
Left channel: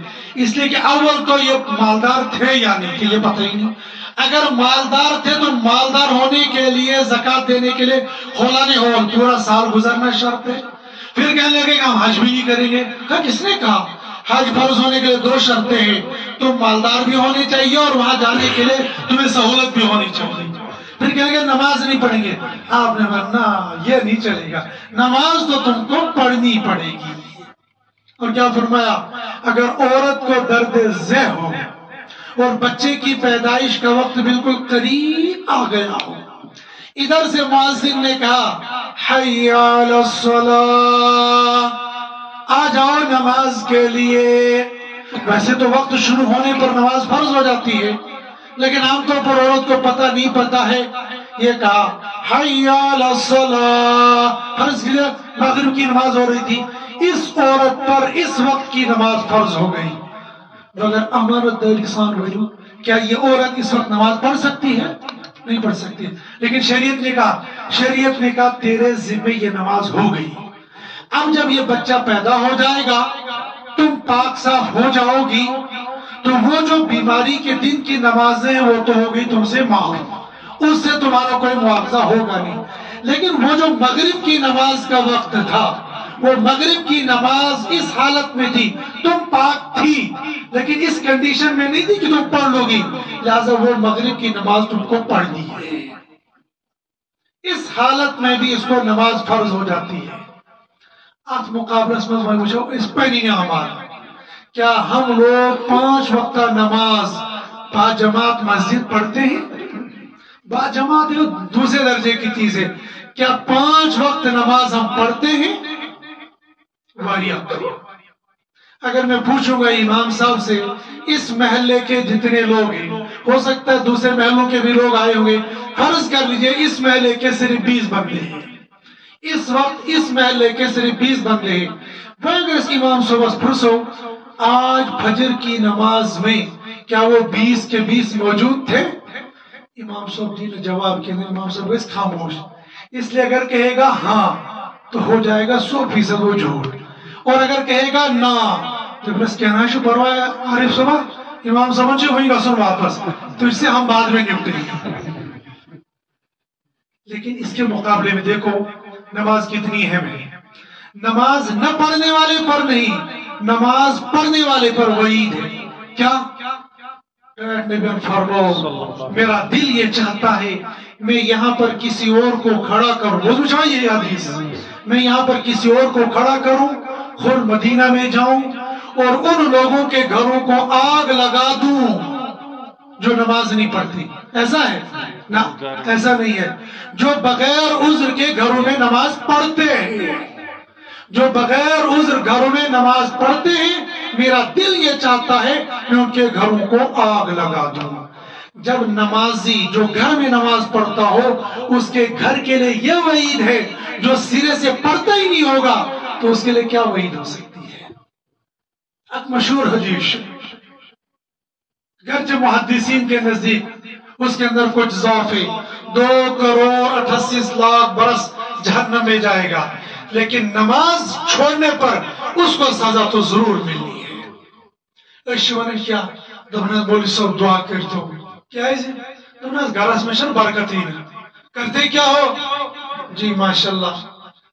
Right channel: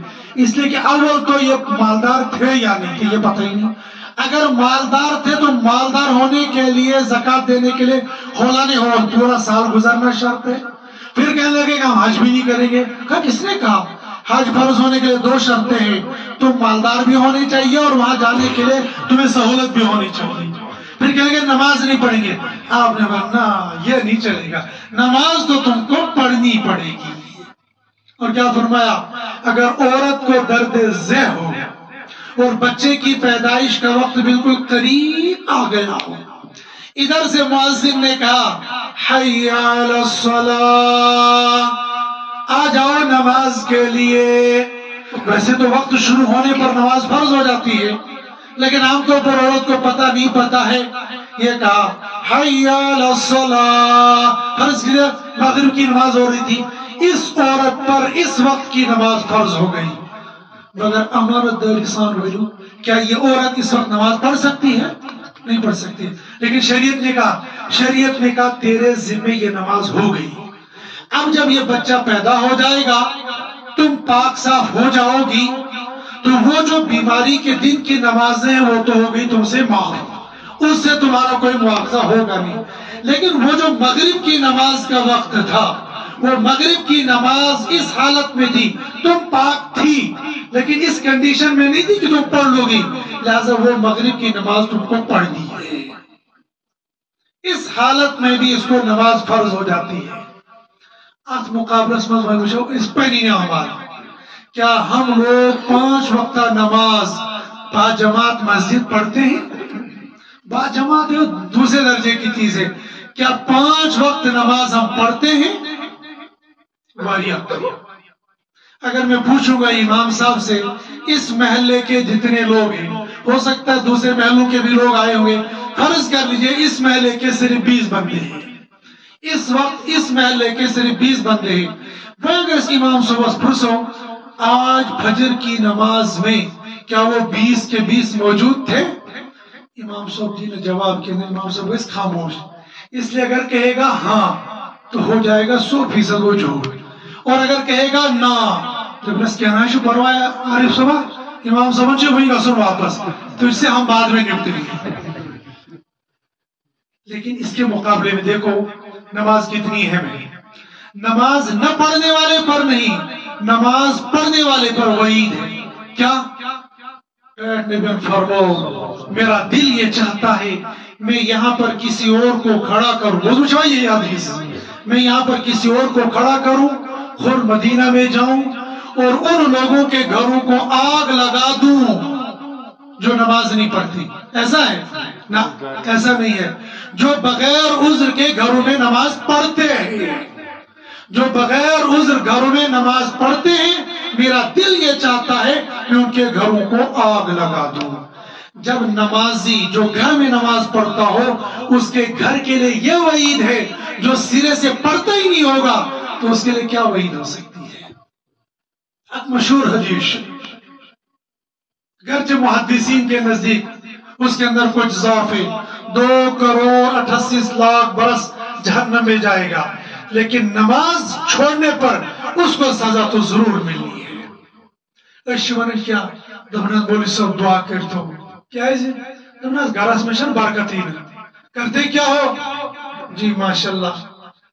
اس لیے کہ اول تو یہ مالدار تھے یا نہیں تھے یہ پتہ ہی نہیں۔ اگر مالدار تھے تو مالدار ہونے کے لیے زکوٰۃ دینے کے لیے خولانِ ہول پورا سال گزرنا شرط ہے۔ پھر کہنے لگے کہ ہم حج بھی نہیں کریں گے۔ کہا کس نے کہا؟ حج فرض ہونے کے لیے 2 شرطیں ہیں، تم مالدار بھی ہونے چاہیے اور وہاں جانے کے لیے تمہیں سہولت بھی ہونی چاہیے۔ پھر کہیں گے نماز نہیں پڑھیں گے۔ آپ نے کہا یہ نہیں چلے گا، نماز تو تم کو پڑھنی پڑے گی۔ اور کیا فرمایا؟ اگر عورت کو درد ذہ ہو اور بچے کی پیدائش کا وقت بالکل قریب آ گیا ہو، ادھر سے مؤذن نے کہا حی علی الصلاۃ، آ جاؤ نماز کے لیے. ویسے تو وقت شروع ہونے پر نماز فرض ہو جاتی ہے، لیکن عام طور پر عورت کو نہیں پتا ہے. یہ کہا حی علی الصلاۃ، فرض کیا مغرب کی نماز ہو رہی تھی، اس عورت پر اس وقت کی نماز فرض ہو گئی. مگر امانت داری سان ویلو، کیا یہ عورت اس وقت نماز پڑھ سکتی ہے؟ نہیں پڑھ سکتی. لیکن شریعت نے کہا تیرے ذمہ یہ نماز ہو گئی. اب جب یہ بچہ پیدا ہو جائے گا، تم پاک صاف ہو جاؤ گی، تو وہ جو بیماری کے دن کی نمازیں وہ تو ہو گئی تم سے معاف، اس سے تمہارا کوئی مواخذہ ہوگا نہیں. لیکن وہ جو مغرب کی نماز کا وقت تھا، وہ مغرب کی نماز اس حالت میں تھی، تم پاک تھی لیکن اس کنڈیشن میں نہیں تھی کہ تم پڑھ لو گی، لہذا وہ مغرب کی نماز تم کو پڑھنی ہے. اس حالت میں بھی اس کو نماز فرض ہو جاتی ہے. ات مقابلس میں وچھو اس پہ نہیں ہمار کیا ہم لوگ 5 وقتہ نماز با جماعت مسجد پڑھتے ہیں؟ با جماعت یہ دوسرے درجے کی چیز ہے. کیا 5 وقت نماز ہم پڑھتے ہیں؟ اگر میں پوچھوں گا امام صاحب سے اس محلے کے جتنے لوگ ہیں، ہو سکتا ہے دوسرے محلوں کے بھی لوگ آئے ہوں گے، فرض کر لیجئے اس محلے کے صرف 20 بندے ہیں، اس وقت اس محلے کے صرف 20 بندے ہیں. وہ اگر اس امام صبح پرسو آج فجر کی نماز میں کیا وہ 20 کے 20 موجود تھے؟ امام صاحب جی نے جواب کیا، امام صاحب اس خاموش. اس لیے اگر کہے گا ہاں تو ہو جائے گا 100% وہ جھوٹ، اور اگر کہے گا نا تو بس کہنا ہے شو پروایا عارف صاحب امام صاحب جو وہی رسول واپس، تو اس سے ہم بعد میں نپٹیں گے. لیکن اس کے مقابلے میں دیکھو نماز کتنی اہم ہے. نماز نہ پڑھنے والے پر نہیں، نماز پڑھنے والے پر وعید ہے. کیا؟ فرماؤ میرا دل یہ چاہتا ہے میں یہاں پر کسی اور کو کھڑا کروں، وہ یہ حدیث، میں یہاں پر کسی اور کو کھڑا کروں، خود مدینہ میں جاؤں اور ان لوگوں کے گھروں کو آگ لگا دوں جو نماز نہیں پڑھتی. ایسا ہے؟ نہ ایسا نہیں ہے. جو بغیر عذر کے گھروں میں نماز پڑھتے ہیں، جو بغیر عذر گھروں میں نماز پڑھتے ہیں، میرا دل یہ چاہتا ہے میں ان کے گھروں کو آگ لگا دوں. جب نمازی جو گھر میں نماز پڑھتا ہو اس کے گھر کے لیے یہ وعید ہے، جو سرے سے پڑھتا ہی نہیں ہوگا تو اس کے لیے کیا وعید ہو سکتی ہے؟ ایک مشہور حدیث گرچہ محدثین کے نزدیک اس کے اندر کچھ ضعف ہے، 2,38,00,000 برس جہنم میں جائے گا، لیکن نماز چھوڑنے پر اس کو سزا تو ضرور ملی ہے. اشوان کیا دبنات بولی سب دعا کرتا ہوں، کیا ہے جی دبنات گھرس میں شن برکت ہی نہیں کرتے کیا ہو؟ جی ماشاءاللہ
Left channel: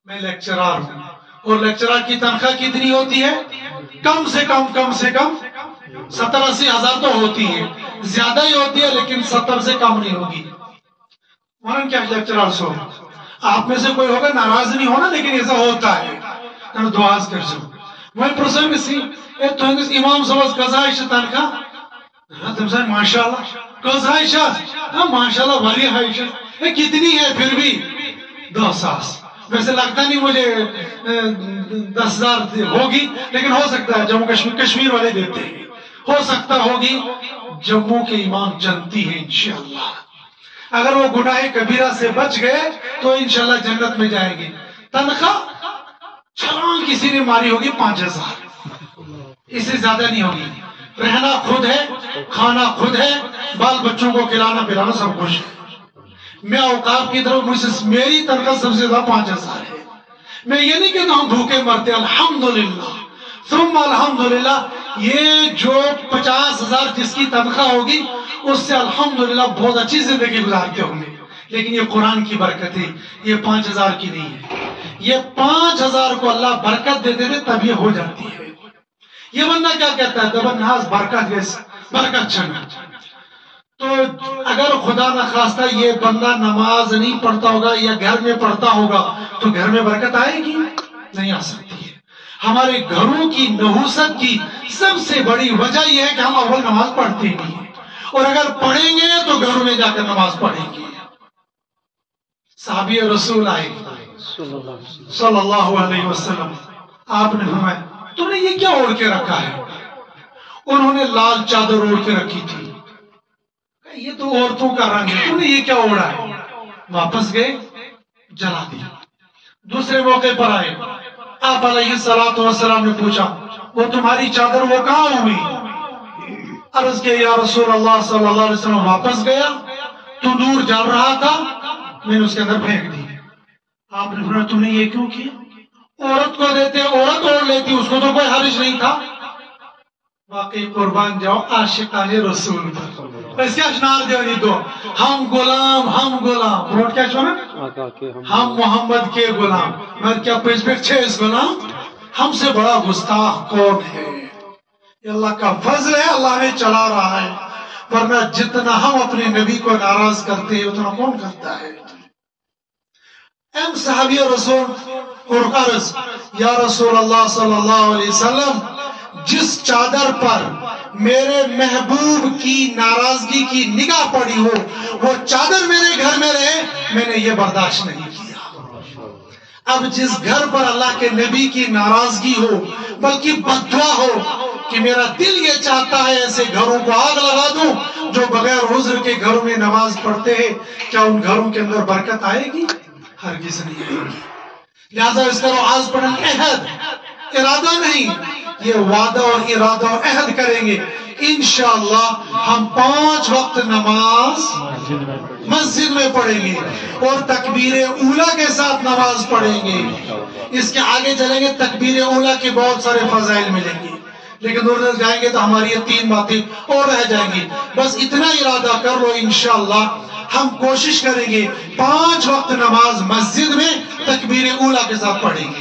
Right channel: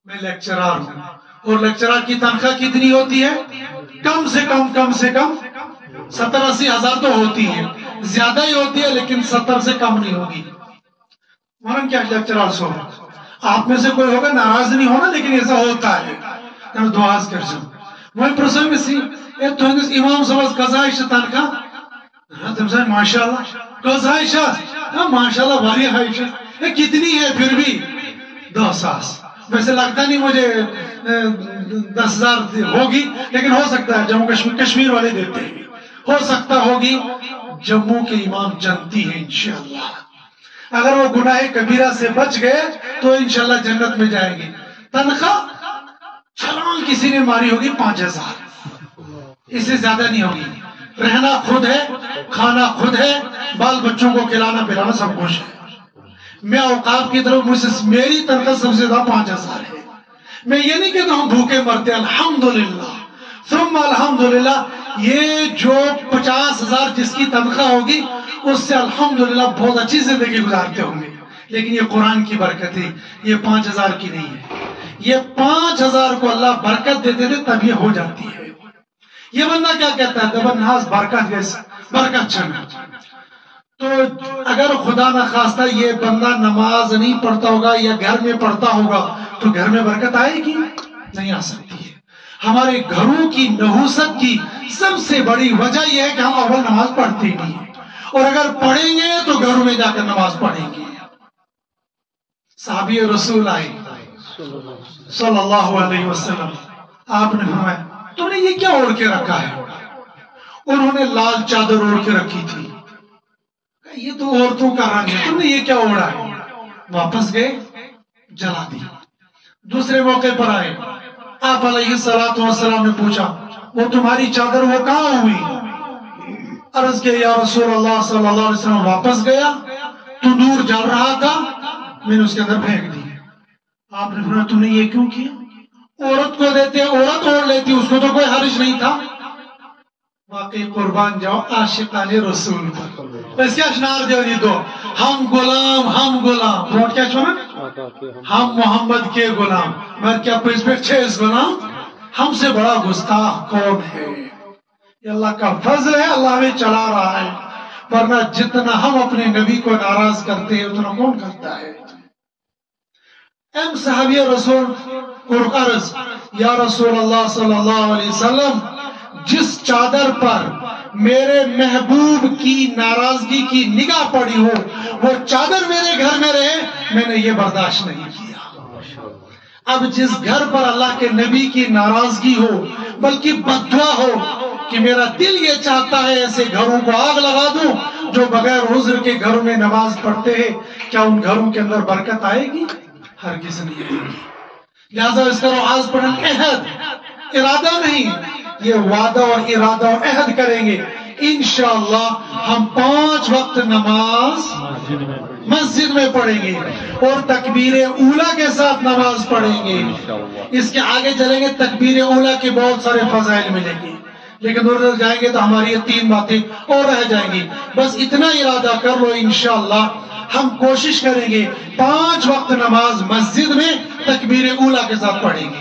میں لیکچرار ہوں، اور لیکچرار کی تنخواہ کتنی ہوتی ہے؟ کم سے کم 70-80 ہزار تو ہوتی ہے، زیادہ ہی ہوتی ہے لیکن 70 سے کم نہیں ہوگی. مانن کیا لیکچرار سو آپ میں سے کوئی ہوگا ناراض نہیں ہونا، لیکن ایسا ہوتا ہے. دعاز کر سو وہ پرسنگ سی تو امام صاحب قضائش تنخواہ تم سے ماشاءاللہ قضائش ماشاءاللہ بھری حائش کتنی ہے؟ پھر بھی 2,000. ویسے لگتا نہیں مجھے 10,000 ہوگی، لیکن ہو سکتا ہے جموں کشمیر والے دیتے ہیں، ہو سکتا ہوگی. جموں کے امام جنتی ہیں انشاءاللہ، اگر وہ گناہ کبیرہ سے بچ گئے تو انشاءاللہ جنت میں جائیں گے. تنخواہ چھلانگ کسی نے ماری ہوگی 5,000، اس سے زیادہ نہیں ہوگی. رہنا خود ہے، کھانا خود ہے، بال بچوں کو کھلانا پلانا سب کچھ ہے. میں اوقاف کی طرف مجھ سے میری تنخواہ سب سے زیادہ 5,000 ہے. میں یہ نہیں کہتا ہوں بھوکے مرتے، الحمدللہ ثم الحمدللہ. یہ جو 50,000 جس کی تنخواہ ہوگی اس سے الحمدللہ بہت اچھی زندگی گزارتے ہوں گے، لیکن یہ قرآن کی برکت ہے، یہ 5,000 کی نہیں ہے. یہ 5,000 کو اللہ برکت دیتے تھے تب یہ ہو جاتی ہے. یہ بندہ کیا کہتا ہے دبن ناز برکت ویس برکت چھنا. تو اگر خدا نخواستہ یہ بندہ نماز نہیں پڑھتا ہوگا یا گھر میں پڑھتا ہوگا تو گھر میں برکت آئے گی؟ نہیں آ سکتی ہے. ہمارے گھروں کی نحوست کی سب سے بڑی وجہ یہ ہے کہ ہم اول نماز پڑھتے نہیں ہیں، اور اگر پڑھیں گے تو گھروں میں جا کر نماز پڑھیں گے. صحابی رسول آئے صلی اللہ علیہ وسلم، آپ نے فرمایا تو نے یہ کیا اوڑھ کے رکھا ہے؟ انہوں نے لال چادر اوڑھ کے رکھی تھی. یہ تو عورتوں کا رنگ ہے, تم نے یہ کیا اوڑھا ہے؟ واپس گئے, جلا دیا. دوسرے موقع پر آئے, آپ علیہ السلام نے پوچھا وہ تمہاری چادر وہ کہاں ہوئی؟ عرض کے یا رسول اللہ صلی اللہ علیہ وسلم واپس گیا تو دور جل رہا تھا, میں نے اس کے اندر پھینک دی. آپ نے فرمایا تم نے یہ کیوں کیا؟ عورت کو دیتے, عورت اوڑھ لیتی, اس کو تو کوئی حرج نہیں تھا. واقعی قربان جاؤ عاشقان رسول پر. بس کیا اشنار دیو دو, ہم غلام, ہم غلام, ووٹ کیا چھوڑا, ہم محمد کے غلام. میں کیا پیش پیش چھے اس غلام, ہم سے بڑا گستاخ کون ہے؟ یہ اللہ کا فضل ہے, اللہ نے چلا رہا ہے, ورنہ جتنا ہم اپنے نبی کو ناراض کرتے ہیں اتنا کون کرتا ہے؟ ایم صحابی رسول اور عرض یا رسول اللہ صلی اللہ علیہ وسلم, جس چادر پر میرے محبوب کی ناراضگی کی نگاہ پڑی ہو وہ چادر میرے گھر میں رہے, میں نے یہ برداشت نہیں کیا. اب جس گھر پر اللہ کے نبی کی ناراضگی ہو بلکہ بددعا ہو کہ میرا دل یہ چاہتا ہے ایسے گھروں کو آگ لگا دوں جو بغیر عذر کے گھروں میں نماز پڑھتے ہیں, کیا ان گھروں کے اندر برکت آئے گی؟ ہرگز نہیں آئے گی. لہذا اس کا آواز پڑھیں, عہد, ارادہ نہیں, یہ وعدہ اور ارادہ اور عہد کریں گے انشاءاللہ ہم 5 وقت نماز مسجد میں پڑھیں گے اور تکبیر اولیٰ کے ساتھ نماز پڑھیں گے. اس کے آگے چلیں گے, تکبیر اولیٰ کے بہت سارے فضائل ملیں گے, لیکن دور دور جائیں گے تو ہماری یہ 3 باتیں اور رہ جائیں گی. بس اتنا ارادہ کر لو, انشاءاللہ ہم کوشش کریں گے 5 وقت نماز مسجد میں تکبیر اولیٰ کے ساتھ پڑھیں گے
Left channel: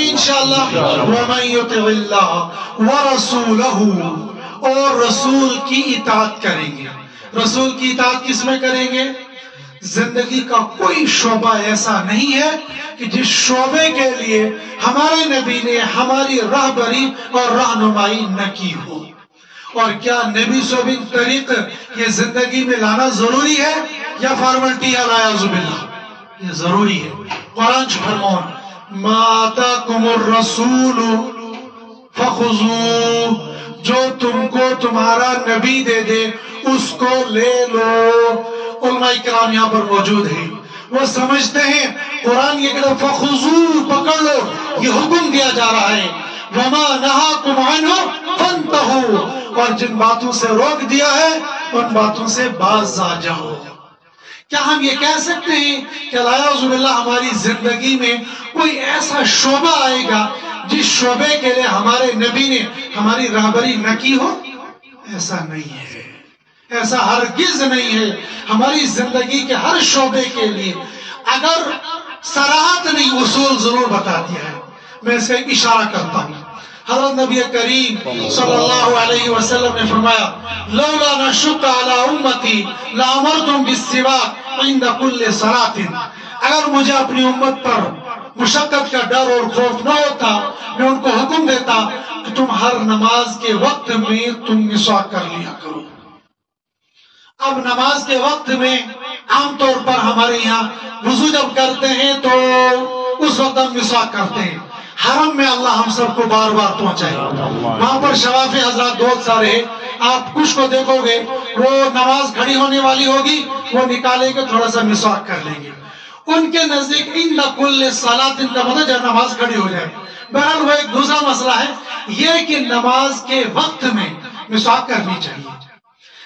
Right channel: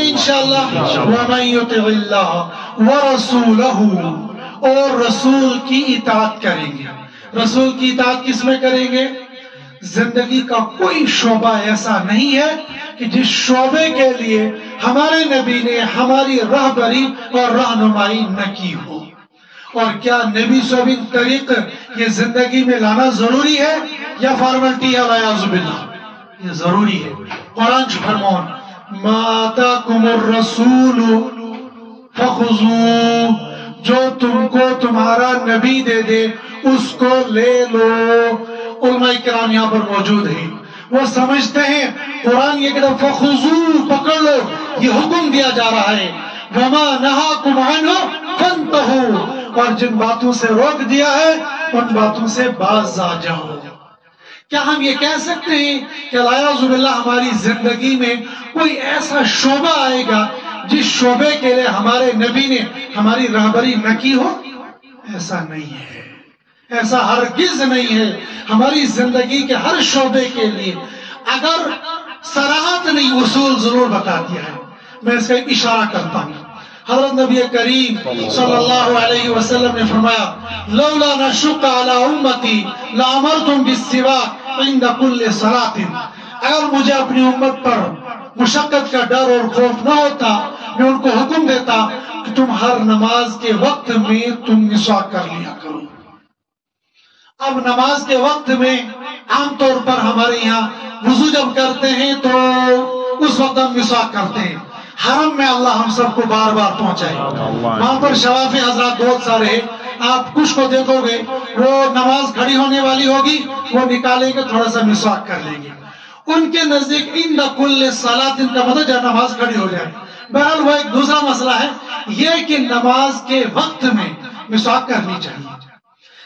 انشاءاللہ. وَمَن يُطِعِ اللَّهَ وَرَسُولَهُ, اور رسول کی اطاعت کریں گے. رسول کی اطاعت کس میں کریں گے؟ زندگی کا کوئی شعبہ ایسا نہیں ہے کہ جس شعبے کے لیے ہمارے نبی نے ہماری راہبری اور رہنمائی نہ کی ہو. اور کیا نبی صحابی طریق یہ زندگی میں لانا ضروری ہے یا فارملٹی ہے؟ والعیاذ باللہ, یہ ضروری ہے. قرآن فرمان ما آتاکم الرسول فخذوہ, جو تم کو تمہارا نبی دے دے اس کو لے لو. علماء کرام یہاں پر موجود ہیں, وہ سمجھتے ہیں قرآن یہ کہ فخذوہ, پکڑ لو, یہ حکم دیا جا رہا ہے. وما نہاکم عنہ فانتہوا, اور جن باتوں سے روک دیا ہے ان باتوں سے باز آ جاؤ. کیا ہم یہ کہہ سکتے ہیں کہ والعیاذ باللہ ہماری زندگی میں کوئی ایسا شعبہ آئے گا جس شعبے کے لیے ہمارے نبی نے ہماری رہبری نہ کی ہو؟ ایسا نہیں ہے, ایسا ہرگز نہیں ہے. ہماری زندگی کے ہر شعبے کے لیے اگر صراحت نہیں اصول ضرور بتا دیا ہے. میں اس کا ایک اشارہ کرتا ہوں. حضرت نبی کریم صلی اللہ علیہ وسلم نے فرمایا لولا نشق علی امتی لامرتم بالسواک عند کل صلاۃ, اگر مجھے اپنی امت پر مشقت کا ڈر اور خوف نہ ہوتا میں ان کو حکم دیتا کہ تم ہر نماز کے وقت میں تم مسواک کر لیا کرو. اب نماز کے وقت میں عام طور پر ہمارے یہاں وضو جب کرتے ہیں تو اس وقت ہم مسواک کرتے ہیں. حرم میں اللہ ہم سب کو بار بار پہنچائے. وہاں پر شوافی حضرات بہت سارے ہیں, آپ کچھ کو دیکھو گے وہ نماز کھڑی ہونے والی ہوگی, وہ نکالیں گے تھوڑا سا مسواک کر لیں گے. ان کے نزدیک عند کل صلاۃ کا مطلب جب نماز کھڑی ہو جائے. بہرحال وہ ایک دوسرا مسئلہ ہے یہ کہ نماز کے وقت میں مسواک کرنی چاہیے.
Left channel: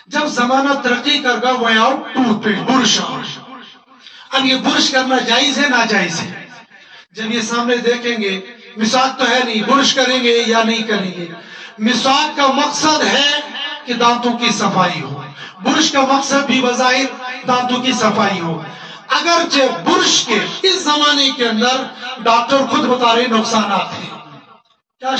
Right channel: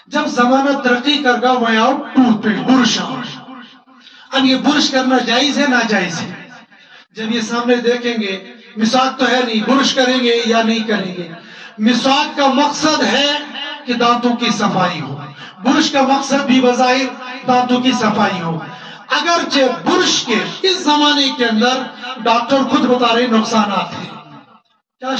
جب زمانہ ترقی کر گا وہ آؤ ٹوتھ پیسٹ, برش. اب یہ برش کرنا جائز ہے ناجائز ہے؟ جب یہ سامنے دیکھیں گے مسواک تو ہے نہیں, برش کریں گے یا نہیں کریں گے؟ مسواک کا مقصد ہے کہ دانتوں کی صفائی ہو, برش کا مقصد بھی بظاہر دانتوں کی صفائی ہو. اگرچہ برش کے اس زمانے کے اندر ڈاکٹر خود بتا رہے نقصانات ہیں. کیا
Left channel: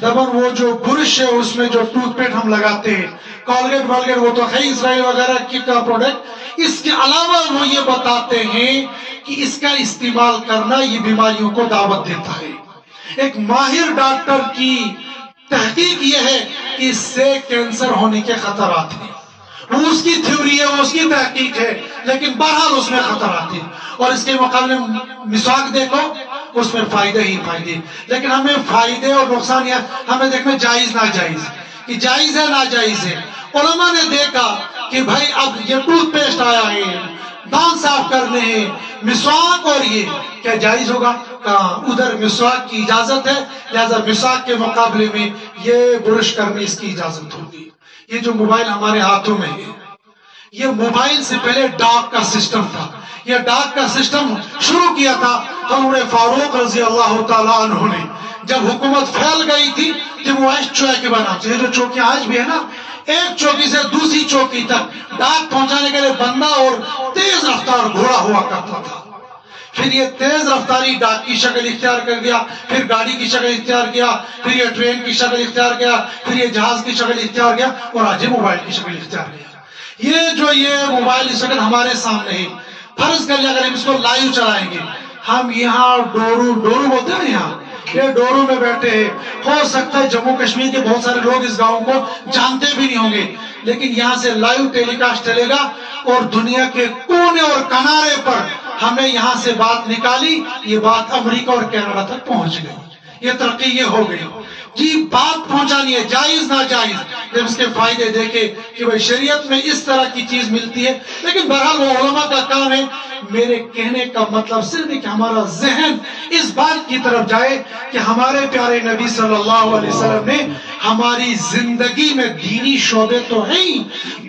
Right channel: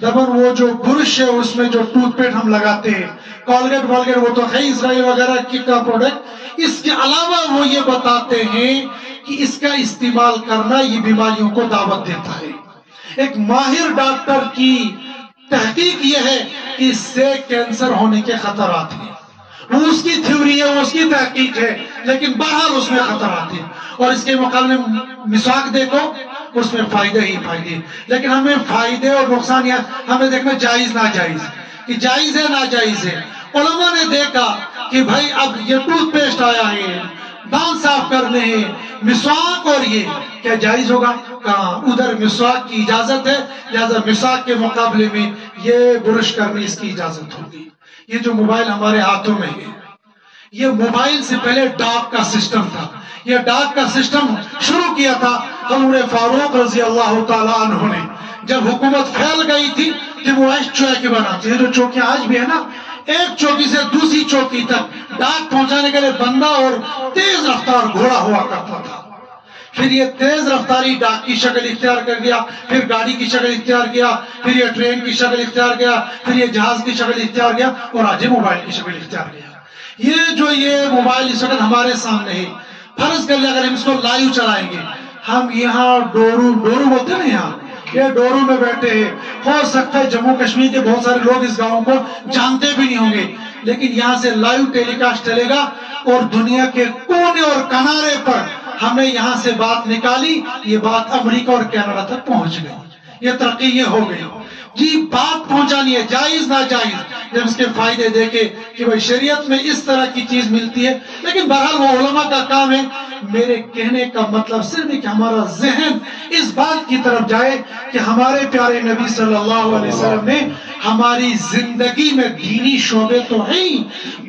دبن وہ جو برش ہے اس میں جو ٹوتھ پیسٹ ہم لگاتے ہیں, کولگیٹ والگیٹ, وہ تو ہے اسرائیل وغیرہ کی کا پروڈکٹ. اس کے علاوہ وہ یہ بتاتے ہیں کہ اس کا استعمال کرنا یہ بیماریوں کو دعوت دیتا ہے. ایک ماہر ڈاکٹر کی تحقیق یہ ہے کہ اس سے کینسر ہونے کے خطرات ہیں. وہ اس کی تھیوری ہے, وہ اس کی تحقیق ہے, لیکن بہرحال اس میں خطرات ہیں. اور اس کے مقابلے مسواک دیکھو, اس میں فائدے ہی فائدے. لیکن ہمیں فائدے اور نقصان یا ہمیں دیکھنا جائز ناجائز کہ جائز ہے ناجائز ہے. علماء نے دیکھا کہ بھائی اب یہ ٹوتھ پیسٹ آیا ہے، دانت صاف کرنے ہیں، مسواک، اور یہ کیا جائز ہوگا؟ کہاں ادھر مسواک کی اجازت ہے، لہذا مسواک کے مقابلے میں یہ برش کرنے اس کی اجازت ہوگی. یہ جو موبائل ہمارے ہاتھوں میں ہے، یہ موبائل سے پہلے ڈاک کا سسٹم تھا. یہ ڈاک کا سسٹم شروع کیا تھا حضرت فاروق رضی اللہ تعالی عنہ نے. جب حکومت پھیل گئی تھی کہ وہ چوکی بناتے، یہ جو چوکیاں آج بھی ہے نا، ایک چوکی سے دوسری چوکی تک ڈاک پہنچانے کے لیے بندہ اور تیز رفتار گھوڑا ہوا کرتا تھا. پھر یہ تیز رفتاری ڈاک کی شکل اختیار کر گیا، پھر گاڑی کی شکل اختیار کیا، پھر یہ ٹرین کی شکل اختیار کیا، پھر یہ جہاز کی شکل اختیار کیا، اور آج موبائل کی شکل اختیار کیا. یہ موبائل اس وقت ہمارے سامنے ہے. فرض کر لیں اگر ہم اس کو لائیو چلائیں گے، ہم یہاں ڈورو بولتے ہیں نا، یہاں یہ ڈورو میں بیٹھے ہیں. ہو سکتا ہے جموں کشمیر کے بہت سارے لوگ اس گاؤں کو جانتے بھی نہیں ہوں گے، لیکن یہاں سے لائیو ٹیلی کاسٹ چلے گا اور دنیا کے کونے اور کنارے پر ہم نے یہاں سے بات نکالی، یہ بات امریکہ اور کینیڈا تک پہنچ گئی. یہ ترقی یہ ہو گئی. جی بات پہنچانی ہے، جائز ناجائز، جب اس کے فائدے دیکھے کہ بھئی شریعت میں اس طرح کی چیز ملتی ہے. لیکن بہرحال وہ علماء کا کام ہے. میرے کہنے کا مطلب صرف کہ ہمارا ذہن اس بات کی طرف جائے کہ ہمارے پیارے نبی صلی اللہ علیہ وسلم نے ہماری زندگی میں دینی شعبے تو ہیں ہی،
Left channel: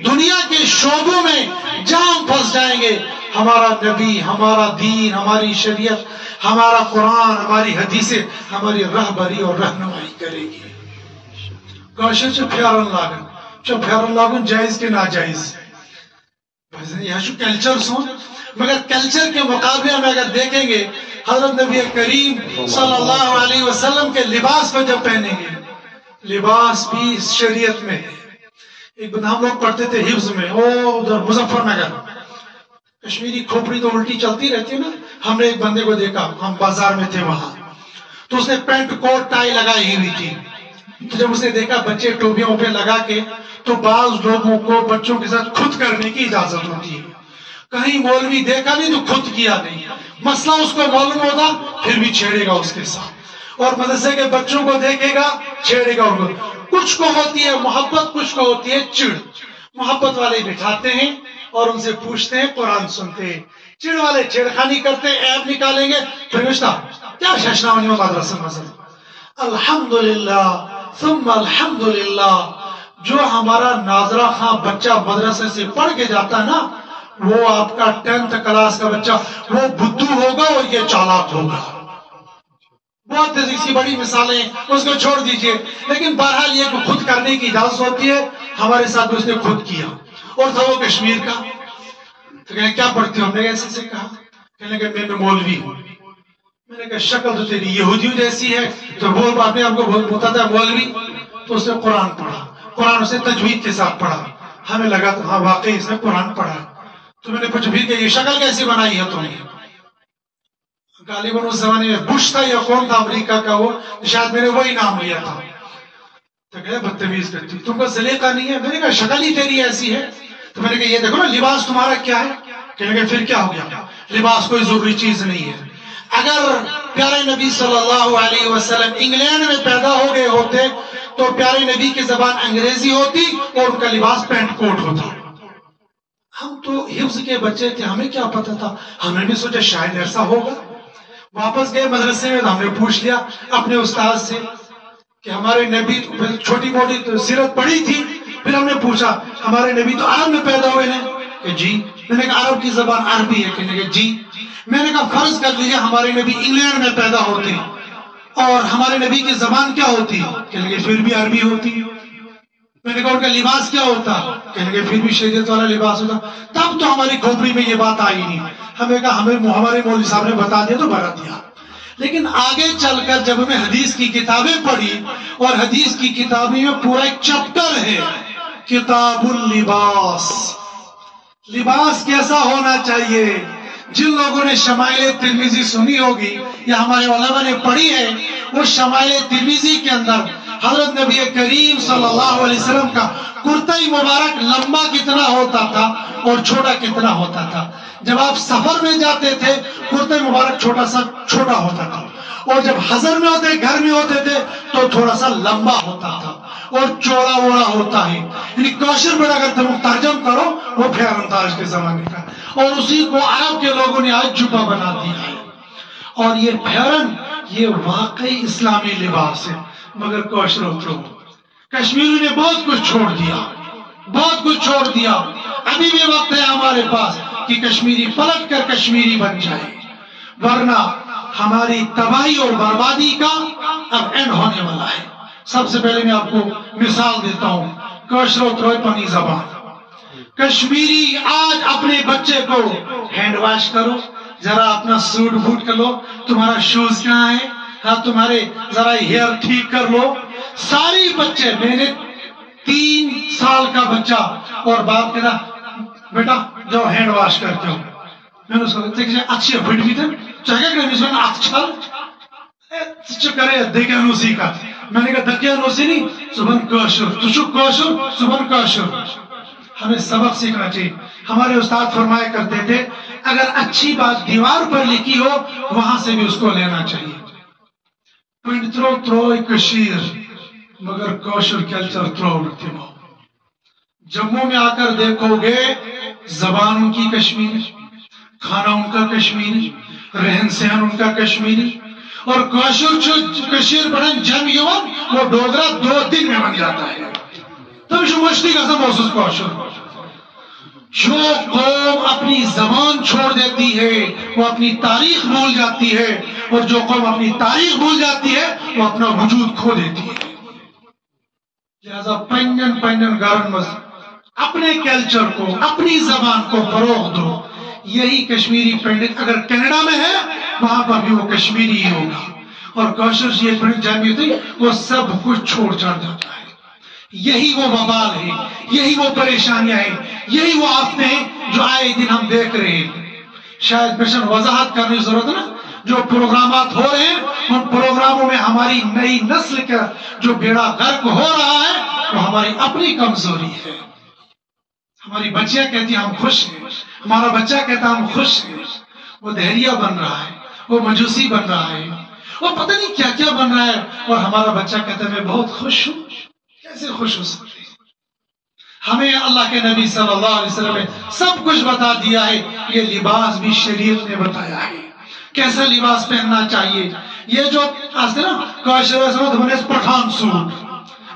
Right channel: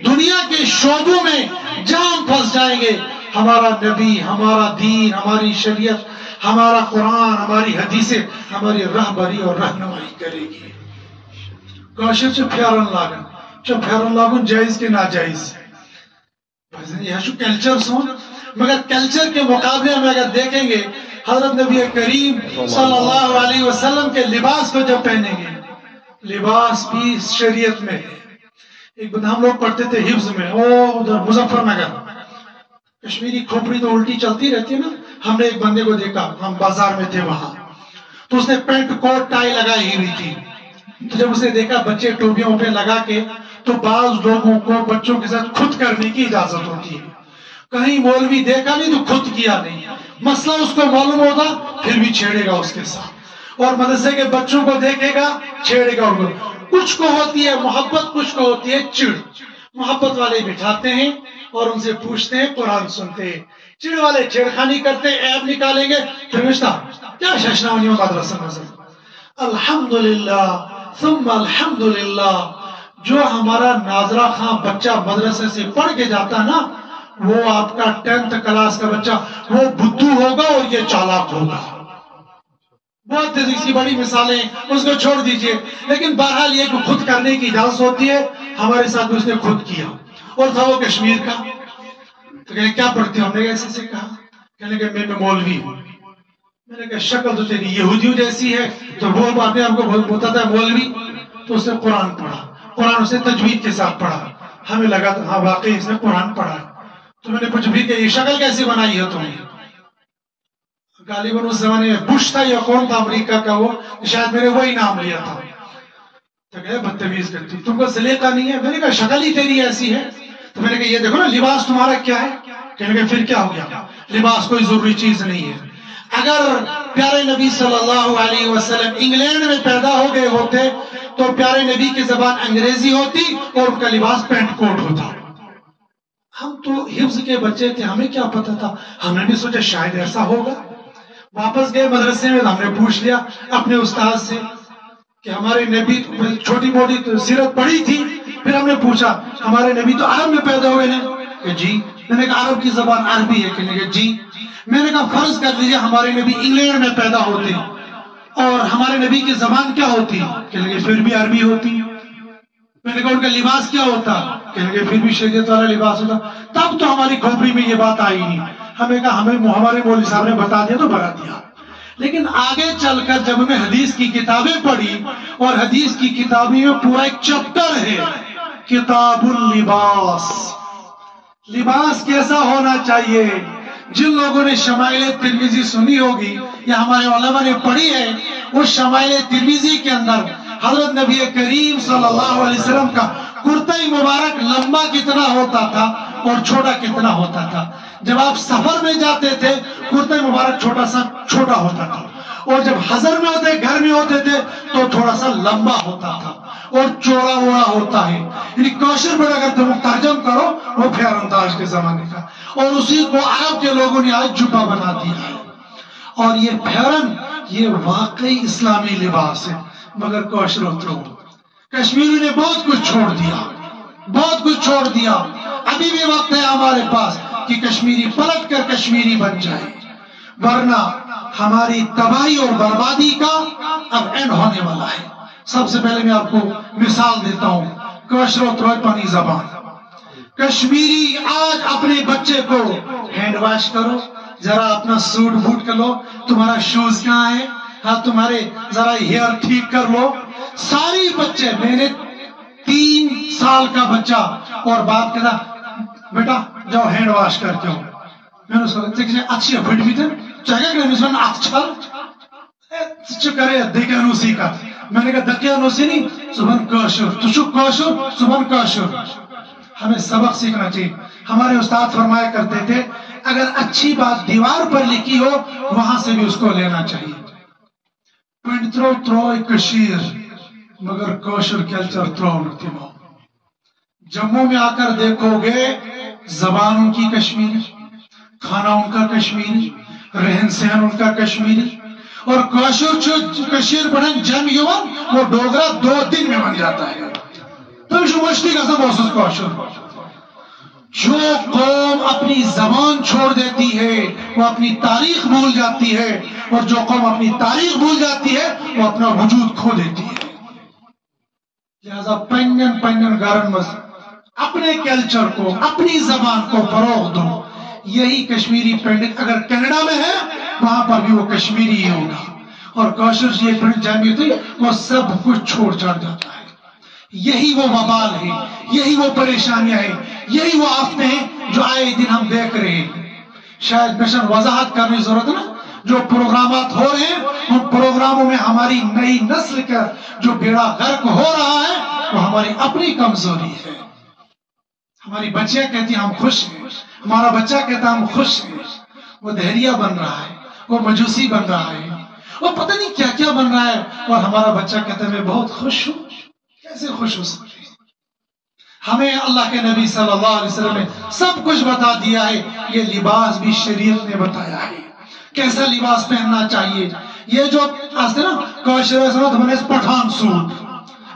دنیا کے شعبوں میں جہاں پھنس جائیں گے ہمارا نبی، ہمارا دین، ہماری شریعت، ہمارا قرآن، ہماری حدیثیں ہماری رہبری اور رہنمائی کرے گی. کاشر سے پھیرن لاگن، جو پھیرن لاگن جائز کے ناجائز. یہ کلچر سون، مگر کلچر کے مقابلے میں اگر دیکھیں گے حضرت نبی کریم صلی اللہ علیہ وسلم کے لباس کو جب پہنیں گے، لباس بھی شریعت میں ہے. ایک بندہ ہم لوگ پڑھتے تھے حفظ میں، ادھر مظفر نگر، کشمیری کھوپڑی تو الٹی چلتی رہتی ہے نا. ہم نے ایک بندے کو دیکھا، ہم بازار میں تھے وہاں، تو اس نے پینٹ کوٹ ٹائی لگائی ہوئی تھی. تو جب اسے دیکھا بچے ٹوپیوں پہ لگا کے، تو بعض لوگوں کو بچوں کے ساتھ خود کرنے کی اجازت ہوتی ہے. کہیں مولوی دیکھا نہیں تو خود کیا نہیں، مسئلہ اس کو معلوم ہوگا پھر بھی چھیڑے گا اس کے ساتھ. اور مدرسے کے بچوں کو دیکھے گا چھیڑے گا. کچھ کو ہوتی ہے محبت، کچھ کو ہوتی ہے چڑ. محبت والے بٹھاتے ہیں اور ان سے پوچھتے ہیں، قرآن سنتے ہیں. چڑ والے چھیڑخانی کرتے ہیں، عیب نکالیں گے. پھر کیا ششنا ہونی ہو مدرسہ مذہب. الحمدللہ ثم الحمدللہ، جو ہمارا ناظرہ خاں بچہ مدرسے سے پڑھ کے جاتا نا، وہ آپ کا 10th کلاس کا بچہ وہ بدھو ہوگا اور یہ چالاک ہوگا. بہت سی بڑی مثالیں، اس کو چھوڑ دیجئے. لیکن بہرحال یہ خود کرنے کی اجازت ہوتی ہے. ہمارے ساتھ اس نے خود کیا، اور تھا وہ کشمیر کا. تو کہنے کیا پڑھتے ہو؟ ہم نے ایسے سے کہا، کہنے کہ میں مولوی ہوں. میں نے کہا شکل تو تیری یہودیوں جیسی ہے. تو وہ اپنے آپ کو بولتا تھا مولوی. تو اس نے قرآن پڑھا، قرآن اسے تجوید کے ساتھ پڑھا. ہمیں لگا تو ہاں واقعی اس نے قرآن پڑھا. تو میں نے پوچھا بھی کہ یہ شکل کیسی بنائی ہے تم نے؟ غالباً اس زمانے میں بش تھا یا کون تھا امریکہ کا، وہ شاید میں نے وہی نام لیا تھا. تو کہے بدتمیز کرتی، تم کو سلیقہ نہیں ہے. میں نے کہا شکل ہی تیری ایسی ہے. تو میں نے کہا یہ دیکھو نا لباس تمہارا کیا ہے. کہنے کہ پھر کیا ہو گیا، لباس کوئی ضروری چیز نہیں ہے. اگر پیارے نبی صلی اللہ علیہ وسلم انگلینڈ میں پیدا ہو گئے ہوتے تو پیارے نبی کی زبان انگریزی ہوتی اور ان کا لباس پینٹ کوٹ ہوتا. ہم تو حفظ کے بچے تھے، ہمیں کیا پتا تھا. ہم نے بھی سوچا شاید ایسا ہوگا. واپس گئے مدرسے میں، ہم نے پوچھ لیا اپنے استاد سے کہ ہمارے نبی، چھوٹی موٹی تو سیرت پڑھی تھی. پھر ہم نے پوچھا ہمارے نبی تو عرب میں پیدا ہوئے ہیں. کہ جی. میں نے کہا عرب کی زبان عربی ہے؟ کہنے کہ جی. میں نے کہا فرض کر لیجیے ہمارے نبی انگلینڈ میں پیدا ہوتے اور ہمارے نبی کی زبان کیا ہوتی؟ کہنے کہ پھر بھی عربی ہوتی. میں نے کہا ان کا لباس کیا ہوتا؟ کہیں گے پھر بھی شریعت والا لباس ہوتا. تب تو ہماری کھوپڑی میں یہ بات آئی نہیں. ہمیں کہا ہمارے مولوی صاحب نے بتا دیا تو بتا دیا. لیکن آگے چل کر جب ہمیں حدیث کی کتابیں پڑھی، اور حدیث کی کتابیں میں پورا ایک چپٹر ہے کتاب اللباس، لباس کیسا ہونا چاہیے. جن لوگوں نے شمائل ترمذی سنی ہوگی یا ہمارے علماء نے پڑھی ہے، وہ شمائل ترمذی کے اندر حضرت نبی کریم صلی اللہ علیہ وسلم کا کرتا مبارک لمبا کتنا ہوتا تھا اور چھوٹا کتنا ہوتا تھا. جب آپ سفر میں جاتے تھے کرتا مبارک چھوٹا ہوتا تھا، اور جب حضر میں ہوتے گھر میں ہوتے تھے تو تھوڑا سا لمبا ہوتا تھا اور چوڑا ووڑا ہوتا ہے. یعنی کوشر میں اگر تم ترجم کرو وہ پھیرن تھا آج کے زمانے کا, اور اسی کو عرب کے لوگوں نے آج جبہ بنا دیا ہے. اور یہ پھیرن یہ واقعی اسلامی لباس ہے, مگر کوشر اترو کشمیری نے بہت کچھ چھوڑ دیا, بہت کچھ چھوڑ دیا. ابھی بھی وقت ہے ہمارے پاس کہ کشمیری پلٹ کر کشمیری بن جائے, ورنہ ہماری تباہی اور بربادی کا اب اینڈ ہونے والا ہے. سب سے پہلے میں آپ کو مثال دیتا ہوں, کوشر اترو پانی زبان. کشمیری آج اپنے بچے کو ہینڈ واش کرو, ذرا اپنا سوٹ بوٹ کر لو, تمہارا شوز کہاں ہے, ہاں تمہارے ذرا ہیئر ٹھیک کر لو. ساری بچے, میں نے 3 سال کا بچہ اور باپ کہتا بیٹا جاؤ ہینڈ واش کر کے ہو. میں نے سوچا کہ اچھی بڑھ بھی تھے چاہے کہ نہیں سن اچھا کرے دیکھا نوسی کا. میں نے کہا دکیا نوسی نہیں, صبح کوشر تشو کوشر صبح کوشر. ہمیں سبق سیکھنا چاہیے. ہمارے استاد فرمایا کرتے تھے اگر اچھی بات دیوار پر لکھی ہو وہاں سے بھی اس کو لینا چاہیے. پنڈ ترو تروئی کشیر مگر کوشر کلچر ترو تمو. جموں میں آ کر دیکھو گے زبان ان کی کشمیری, کھانا ان کا کشمیری, رہن سہن ان کا کشمیری, اور کوشر جو کشیر بڑھن جم یون وہ ڈوگرا 2 دن میں بن جاتا ہے. تم جو مشتی کا سب محسوس کوشر. جو قوم اپنی زبان چھوڑ دیتی ہے وہ اپنی تاریخ بھول جاتی ہے, اور جو قوم اپنی تاریخ بھول جاتی ہے وہ اپنا وجود کھو دیتی ہے. لہذا پنن گھرن مز اپنے کلچر کو اپنی زبان کو فروغ دو. یہی کشمیری پینڈنگ اگر کینیڈا میں ہے وہاں پر بھی وہ کشمیری ہی ہوگا, اور کوشر یہ پینڈنگ جامعی تھی وہ سب کچھ چھوڑ چھاڑ جاتا ہے. یہی وہ وبال ہے, یہی وہ پریشانیاں ہیں, یہی وہ آفتیں ہیں جو آئے دن ہم دیکھ رہے ہیں. شاید مشن وضاحت کرنے کی ضرورت ہے, جو پروگرامات ہو رہے ہیں ان پروگراموں میں ہماری نئی نسل کا جو بیڑا غرق ہو رہا ہے وہ ہماری اپنی کمزوری ہے. ہماری بچیاں کہتی ہیں ہم خوش ہیں, ہمارا بچہ کہتا ہے ہم خوش ہیں. وہ دہریہ بن رہا ہے, وہ مجوسی بن رہا ہے, وہ پتہ نہیں کیا کیا بن رہا ہے, اور ہمارا بچہ کہتا ہے میں بہت خوش ہوں. کیسے خوش ہو سکتے ہیں؟ ہمیں اللہ کے نبی صلی اللہ علیہ وسلم نے سب کچھ بتا دیا ہے. یہ لباس بھی شریعت نے بتایا ہے کیسا لباس پہننا چاہیے. یہ جو آج نا کوشر پٹھان سوٹ,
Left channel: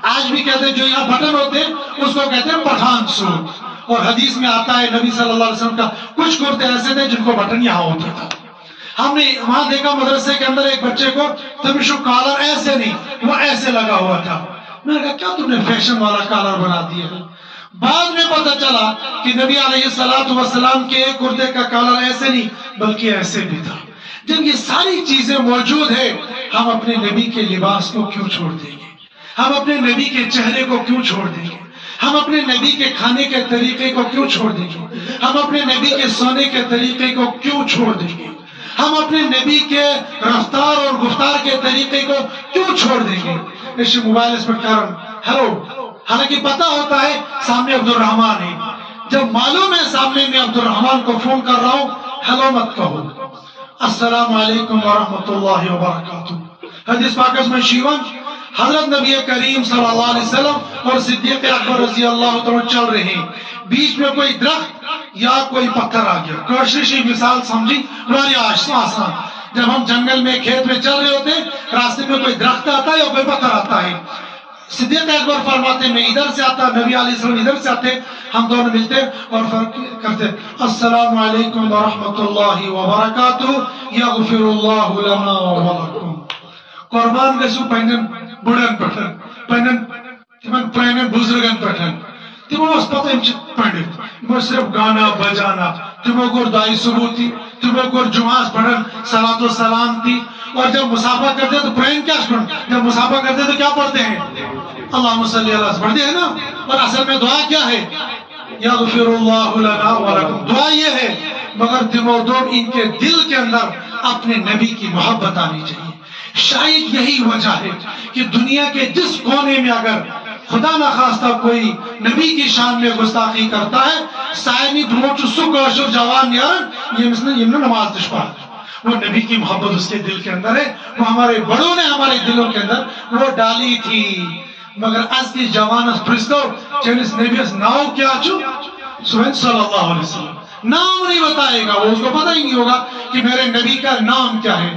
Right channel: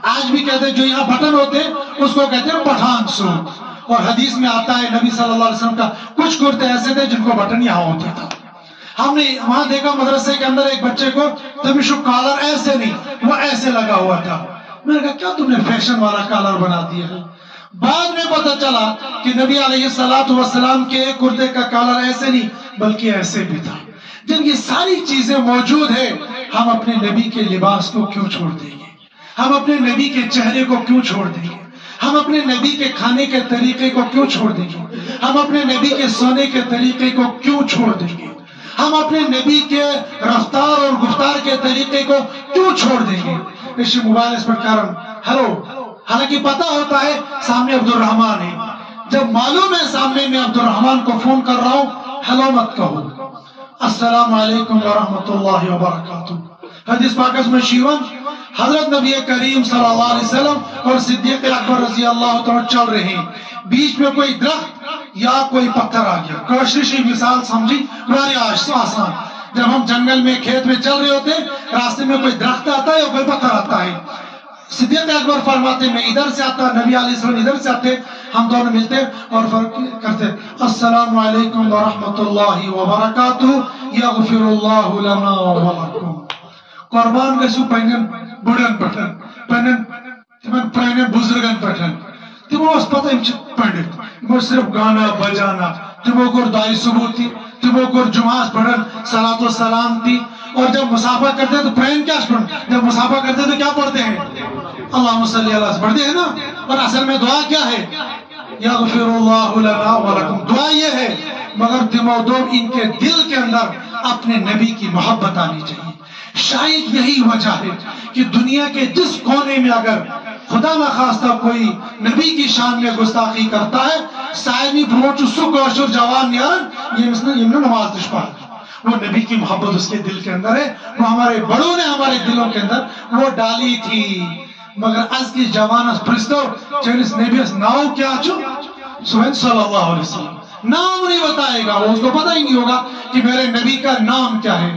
آج بھی کہتے ہیں جو یہاں بٹن ہوتے ہیں اس کو کہتے ہیں پٹھان سوٹ. اور حدیث میں آتا ہے نبی صلی اللہ علیہ وسلم کا کچھ کرتے ایسے تھے جن کو بٹن یہاں ہوتا تھا. ہم نے وہاں دیکھا مدرسے کے اندر ایک بچے کو تمشو کالر ایسے نہیں وہ ایسے لگا ہوا تھا. میں نے کہا کیا تم نے فیشن والا کالر بنا دیا ہے؟ بعد میں پتہ چلا کہ نبی علیہ السلام کے کرتے کا کالر ایسے نہیں بلکہ ایسے بھی تھا. جب یہ ساری چیزیں موجود ہیں ہم اپنے نبی کے لباس کو کیوں چھوڑ دیں گے؟ ہم اپنے نبی کے چہرے کو کیوں چھوڑ دیں گے؟ ہم اپنے نبی کے کھانے کے طریقے کو کیوں چھوڑ دیں گے؟ ہم اپنے نبی کے سونے کے طریقے کو کیوں چھوڑ دیں گے؟ ہم اپنے نبی کے رفتار اور گفتار کے طریقے کو کیوں چھوڑ دیں گے؟ اس موبائل اس پر کارن ہلو, حالانکہ پتا ہوتا ہے سامنے عبد الرحمان ہے, جب معلوم ہے سامنے میں عبد الرحمان کو فون کر رہا ہوں ہلو مت کہو, السلام علیکم ورحمۃ اللہ وبرکاتہ. حدیث پاک میں شیون حضرت نبی کریم صلی اللہ علیہ وسلم اور صدیق اکبر رضی اللہ تعالیٰ چل رہے ہیں, بیچ میں کوئی درخت یا کوئی پتھر آ گیا. کوششی مثال سمجھی ہماری آسان, جب ہم جنگل میں کھیت میں چل رہے ہوتے راستے میں کوئی درخت آتا ہے یا کوئی پتھر آتا ہے, صدیق اکبر فرماتے میں ادھر سے آتا, نبی علیہ السلام ادھر سے آتے, ہم دونوں ملتے اور فرق کرتے السلام علیکم ورحمۃ اللہ وبرکاتہ یغفر اللہ لنا ولکم. قربان گژھو پنن بڑن پٹھن پنن تمن پرانن بزرگن پٹھن, تمو اس پتہ یم چھ پنڈت, یم صرف گانا بجانا, تمو کور دعائی ثبوتی, تمو کور جمعہ پڑھن صلاۃ و سلام تھی. اور جب مسافہ کرتے ہیں تو پرین کیا پڑھن, جب مسافہ کرتے ہیں تو کیا پڑھتے ہیں اللہم صلی اللہ علیہ پڑھتے ہیں نا. اور اصل میں دعا کیا ہے یغفر اللہ لنا ولکم, دعا یہ ہے. مگر تمو دون ان کے دل کے اندر اپنے نبی کی محبت آنی چاہیے. شاید یہی وجہ ہے کہ دنیا کے جس کونے میں اگر خدا نخواستہ کوئی نبی کی شان میں گستاخی کرتا ہے سائنی بروچ سو کوشر جوان یارن یہ مثلا یہ نماز دش پڑھ وہ نبی کی محبت اس کے دل کے اندر ہے، وہ ہمارے بڑوں نے ہمارے دلوں کے اندر وہ ڈالی تھی. مگر از کی جوانس پرستو چنس نبیس ناؤ کیا چھو صلی اللہ علیہ وسلم نام نہیں بتائے گا، وہ اس کو پتہ ہی نہیں ہوگا کہ میرے نبی کا نام کیا ہے.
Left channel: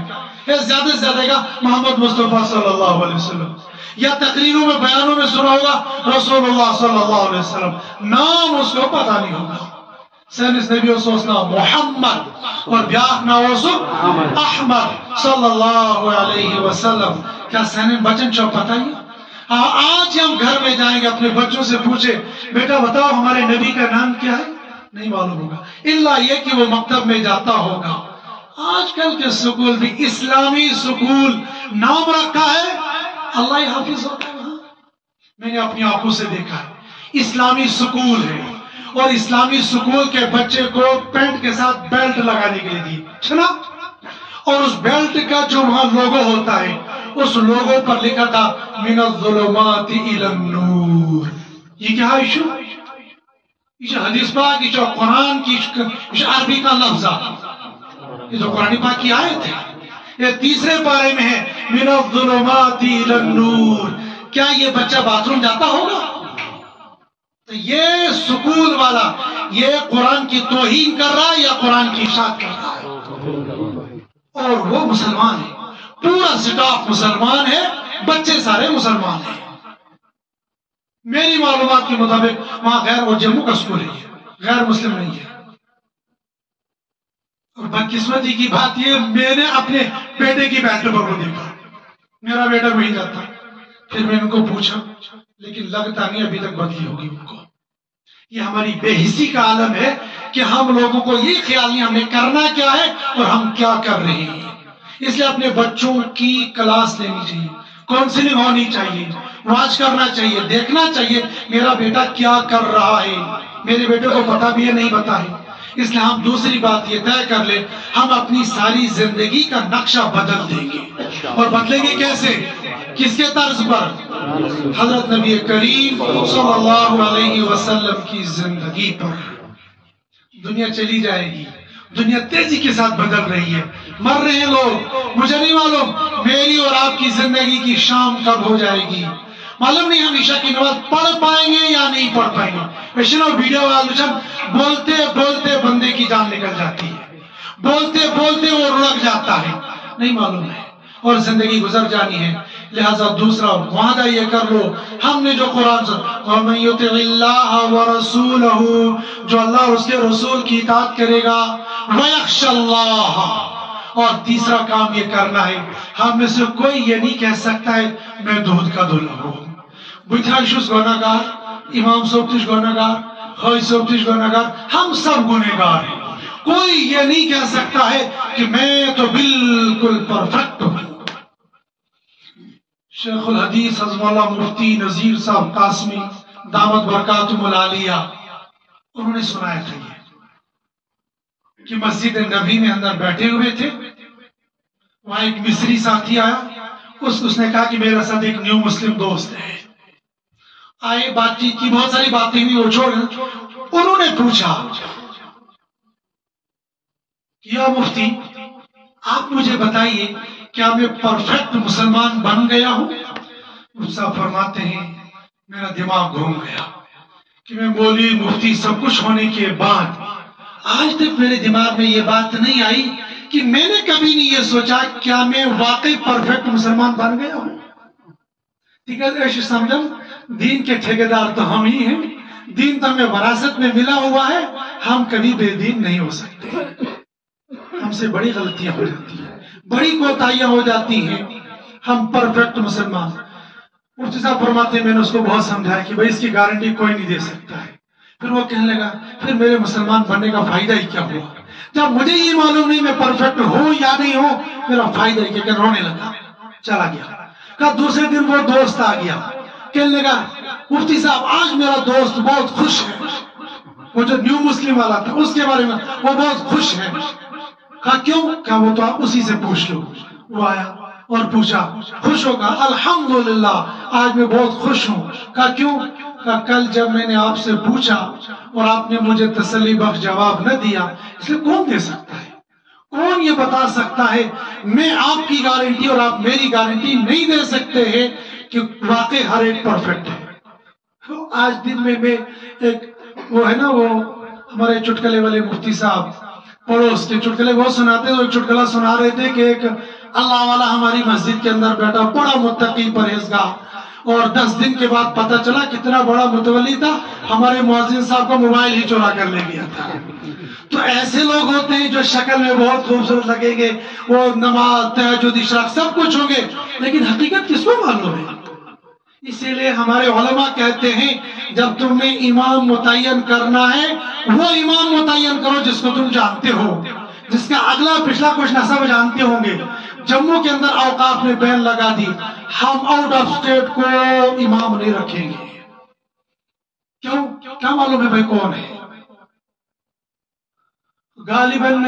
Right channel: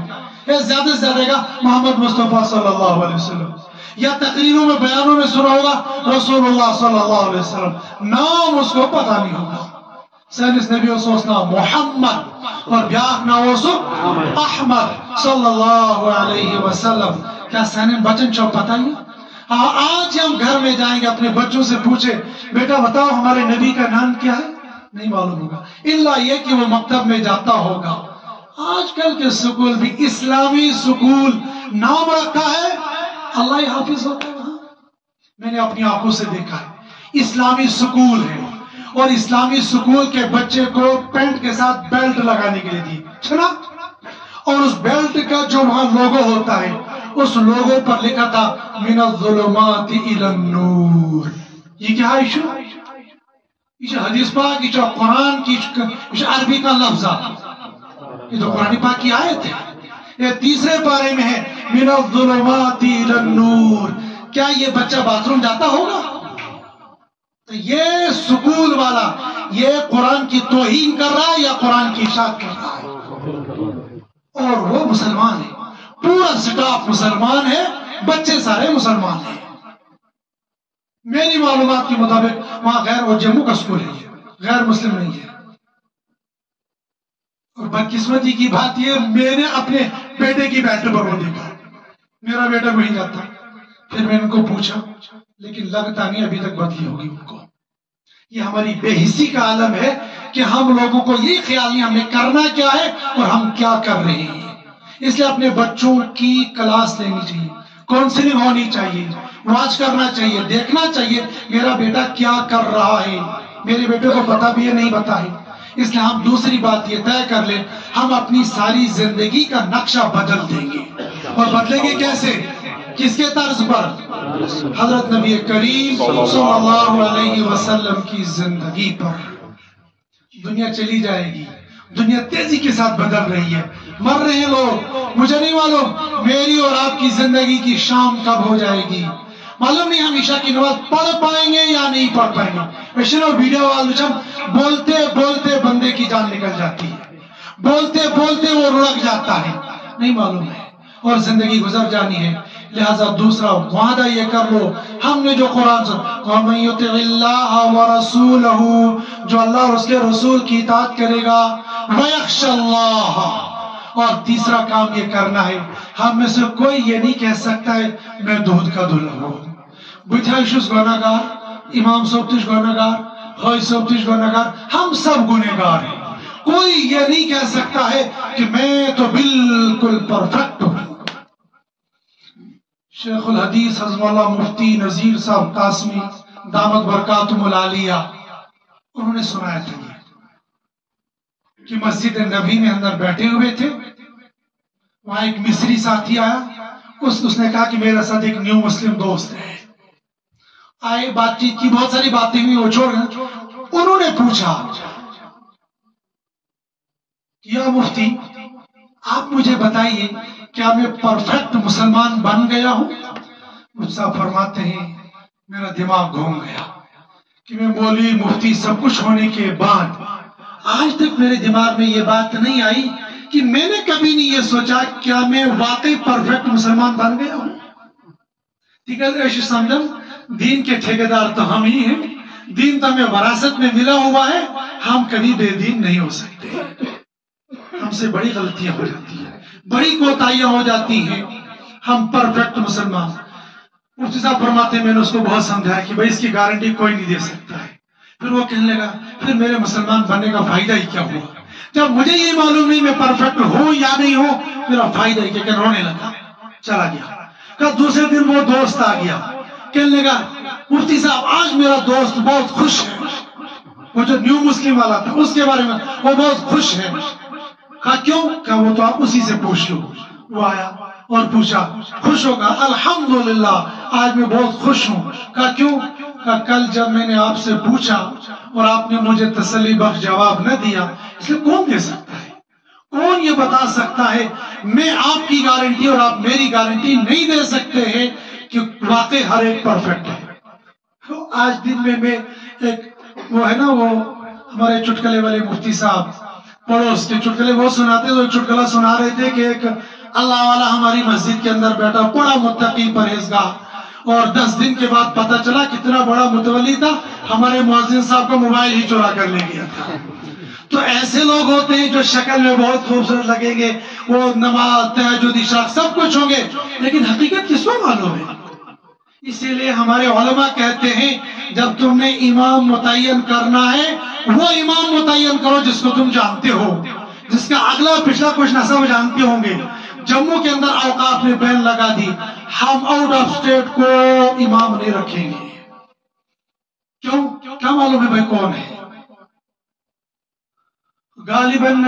زیادہ سے زیادہ گا محمد مصطفیٰ صلی اللہ علیہ وسلم، یا تقریروں میں بیانوں میں سنا ہوگا رسول اللہ صلی اللہ علیہ وسلم، نام اس کو پتہ نہیں ہوگا. سینس نبی اس نام محمد اور بیاک نام اس احمد صلی اللہ علیہ وسلم. کیا سینن بچن چو پتہ ہی؟ آج ہم گھر میں جائیں گے اپنے بچوں سے پوچھے بیٹا بتاؤ ہمارے نبی کا نام کیا ہے، نہیں معلوم ہوگا، الا یہ کہ وہ مکتب میں جاتا ہوگا. آج کل کے سکول بھی اسلامی سکول نام رکھا ہے، اللہ حافظ ہوتا ہے وہاں. میں نے اپنی آنکھوں سے دیکھا ہے اسلامی سکول ہے، اور اسلامی سکول کے بچے کو پینٹ کے ساتھ بیلٹ لگانے کے لیے دی چھنا، اور اس بیلٹ کا جو وہاں لوگو ہوتا ہے اس لوگو پر لکھا تھا من الظلمات الى النور. یہ کیا ہے ایشو؟ یہ حدیث پاک، یہ قرآن کی عربی کا لفظ ہے، یہ تو قرآن پاک کی آیت ہے. یہ تیسرے پارے میں ہے من الظلمات الى النور. کیا یہ بچہ باتھ روم جاتا ہوگا؟ تو یہ سکول والا یہ قرآن کی توہین کر رہا ہے یا قرآن کی اشاعت کر رہا ہے؟ اور وہ مسلمان ہے، پورا سٹاف مسلمان ہے، بچے سارے مسلمان ہیں. میری معلومات کے مطابق وہاں غیر، وہ جموں کا سکول ہے، غیر مسلم نہیں ہے. اور بدقسمتی کی بات یہ میں نے اپنے بیٹے کی بیلٹ پر وہ دیکھا، میرا بیٹا وہیں جاتا. پھر میں ان کو پوچھا لیکن لگتا نہیں ابھی تک بدلی ہوگی ان کو. یہ ہماری بے حسی کا عالم ہے کہ ہم لوگوں کو یہ خیال نہیں ہمیں کرنا کیا ہے اور ہم کیا کر رہے ہیں. اس لیے اپنے بچوں کی کلاس لینی چاہیے، کاؤنسلنگ ہونی چاہیے، واچ کرنا چاہیے، دیکھنا چاہیے میرا بیٹا کیا کر رہا ہے. میرے بیٹے کو پتا بھی ہے نہیں پتا ہے. اس لیے ہم دوسری بات یہ طے کر لیں ہم اپنی ساری زندگی کا نقشہ بدل دیں گے. اور بدلیں گے کیسے؟ کس کے طرز پر؟ حضرت نبی کریم صلی اللہ علیہ وسلم کی زندگی پر. دنیا چلی جائے گی، دنیا تیزی کے ساتھ بدل رہی ہے، مر رہے ہیں لوگ. مجھے نہیں معلوم میری اور آپ کی زندگی کی شام کب ہو جائے گی، معلوم نہیں ہم عشاء کی نماز پڑھ پائیں گے یا نہیں پڑھ پائیں گے. ویڈیو والے بولتے بولتے بندے کی جان نکل جاتی ہے، بولتے بولتے وہ رڑک جاتا ہے، نہیں معلوم ہے، اور زندگی گزر جانی ہے. لہذا دوسرا وعدہ یہ کر لو ہم نے جو قرآن سے وَمَن يُطِعِ اللَّهَ وَرَسُولَهُ، جو اللہ اور اس کے رسول کی اطاعت کرے گا، وَيَخْشَ اللَّهَ. اور تیسرا کام یہ کرنا ہے ہم میں سے کوئی یہ نہیں کہہ سکتا ہے میں دودھ کا دلہا ہوں. بٹھائشوس گناہگار، امام صوبتش گناہگار، خواہی صوبتش گناہگار، ہم سب گناہگار ہیں. کوئی یہ نہیں کہہ سکتا ہے کہ میں تو بالکل پرفیکٹ ہوں. شیخ الحدیث حضرت اللہ مفتی نذیر صاحب قاسمی دامت برکاتہم العالیہ انہوں نے سنایا تھا یہ کہ مسجد نبوی میں اندر بیٹھے ہوئے تھے، وہاں ایک مصری ساتھی آیا، اس نے کہا کہ میرا ساتھ ایک نیو مسلم دوست ہے. آئے بات چیت کی، بہت ساری باتیں ہوئی، وہ چھوڑ گئے. انہوں نے پوچھا یا مفتی آپ مجھے بتائیے کیا میں پرفیکٹ مسلمان بن گیا ہوں؟ مفتی صاحب فرماتے ہیں میرا دماغ گھوم گیا کہ میں بولی مفتی سب کچھ ہونے کے بعد آج تک میرے دماغ میں یہ بات نہیں آئی کہ میں نے کبھی نہیں یہ سوچا کیا میں واقعی پرفیکٹ مسلمان بن گیا ہوں. ایسے سمجھن دین کے ٹھیکیدار تو ہم ہی ہیں، دین تو ہمیں وراثت میں ملا ہوا ہے، ہم کبھی بے دین نہیں ہو سکتے. ہم سے بڑی غلطیاں ہو جاتی ہیں، بڑی کوتاہیاں ہو جاتی ہیں. ہم پرفیکٹ مسلمان. مفتی صاحب فرماتے ہیں میں نے اس کو بہت سمجھایا کہ بھائی اس کی گارنٹی کوئی نہیں دے سکتا ہے. پھر وہ کہنے لگا پھر میرے مسلمان بننے کا فائدہ ہی کیا ہوا؟ جب مجھے یہ معلوم نہیں میں پرفیکٹ ہوں یا نہیں ہوں میرا فائدہ ہی کیا؟ رونے لگا، چلا گیا. کہ دوسرے دن وہ دوست آ گیا، کہنے لگا مفتی صاحب آج میرا دوست بہت خوش ہے. وہ جو نیو مسلم والا تھا اس کے بارے میں وہ بہت خوش ہے. کہا کیوں؟ کہا وہ تو آپ اسی سے پوچھ لو. وہ آیا اور پوچھا، خوش ہوگا؟ الحمدللہ آج میں بہت خوش ہوں. کہا کیوں؟ کہا کل جب میں نے آپ سے پوچھا اور آپ نے مجھے تسلی بخش جواب نہ دیا، اس لیے کون دے سکتا ہے؟ کون یہ بتا سکتا ہے؟ میں آپ کی گارنٹی اور آپ میری گارنٹی نہیں دے سکتے ہیں کہ واقع ہر ایک پرفیکٹ ہے۔ تو آج دن میں ایک وہ ہے نا، وہ ہمارے چٹکلے والے مفتی صاحب پڑوس کے چٹکلے بہت سناتے، تو چٹکلا سنا رہے تھے کہ ایک اللہ والا ہماری مسجد کے اندر بیٹھا، بڑا متقی پرہیزگار، اور 10 دن کے بعد پتہ چلا کتنا بڑا متولی تھا، ہمارے مؤذن صاحب کا موبائل ہی چورا کر لے گیا تھا۔ تو ایسے لوگ ہوتے ہیں جو شکل میں بہت خوبصورت لگیں گے، وہ نماز تہجد اشراق سب کچھ ہوں گے، لیکن حقیقت کس کو معلوم ہے؟ اسی لیے ہمارے علماء کہتے ہیں جب تم نے امام متعین کرنا ہے، وہ امام متعین کرو جس کو تم جانتے ہو، جس کا اگلا پچھلا کچھ نہ سب جانتے ہوں گے۔ جموں کے اندر اوقاف نے بین لگا دی، ہم آؤٹ آف اسٹیٹ کو امام نہیں رکھیں گے۔ کیوں؟ کیا معلوم ہے بھائی کون ہے؟ غالباً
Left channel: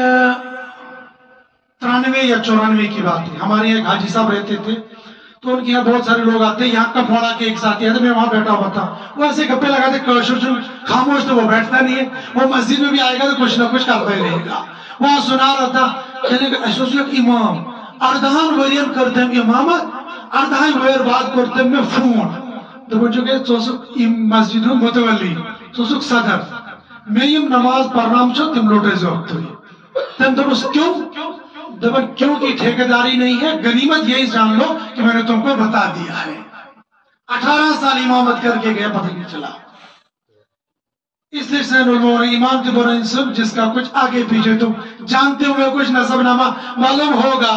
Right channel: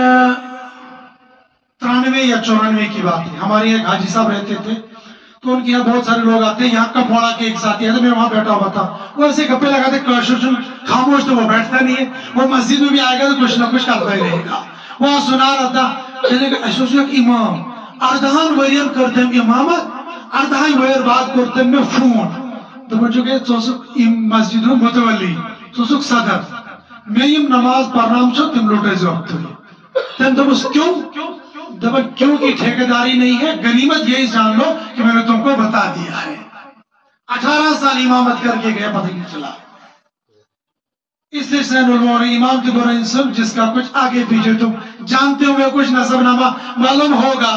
93 یا 94 کی بات ہے۔ ہمارے ایک حاجی صاحب رہتے تھے، تو ان کے یہاں بہت سارے لوگ آتے ہیں، یہاں کب پڑا کے ایک ساتھی آتے، میں وہاں بیٹھا ہوا تھا، وہ ایسے گپے لگاتے، خاموش تو وہ بیٹھتا نہیں ہے، وہ مسجد میں بھی آئے گا تو کچھ نہ کچھ کرتا ہی رہے گا۔ وہاں سنا رہا تھا کہ امام اردہان ورین کردم امامت، اردہان ور بعد کردم میں فون، تو مجھے کہ سوسک مسجد ہوں متولی، سوسک صدر، میں یہ نماز پڑھنام چھو تم لوٹے جو وقت ہوئی۔ تم تو بس کیوں؟ دبل کیوں کی ٹھیکیداری نہیں ہے، غنیمت یہی جان لو کہ میں نے تم کو بتا دیا ہے۔ 18 سال امامت کر کے گیا، پتہ نہیں چلا۔ اس لیے سین علماء نے امام کے بارے سب جس کا کچھ آگے پیچھے تم جانتے ہوئے کچھ نسب نامہ معلوم ہوگا،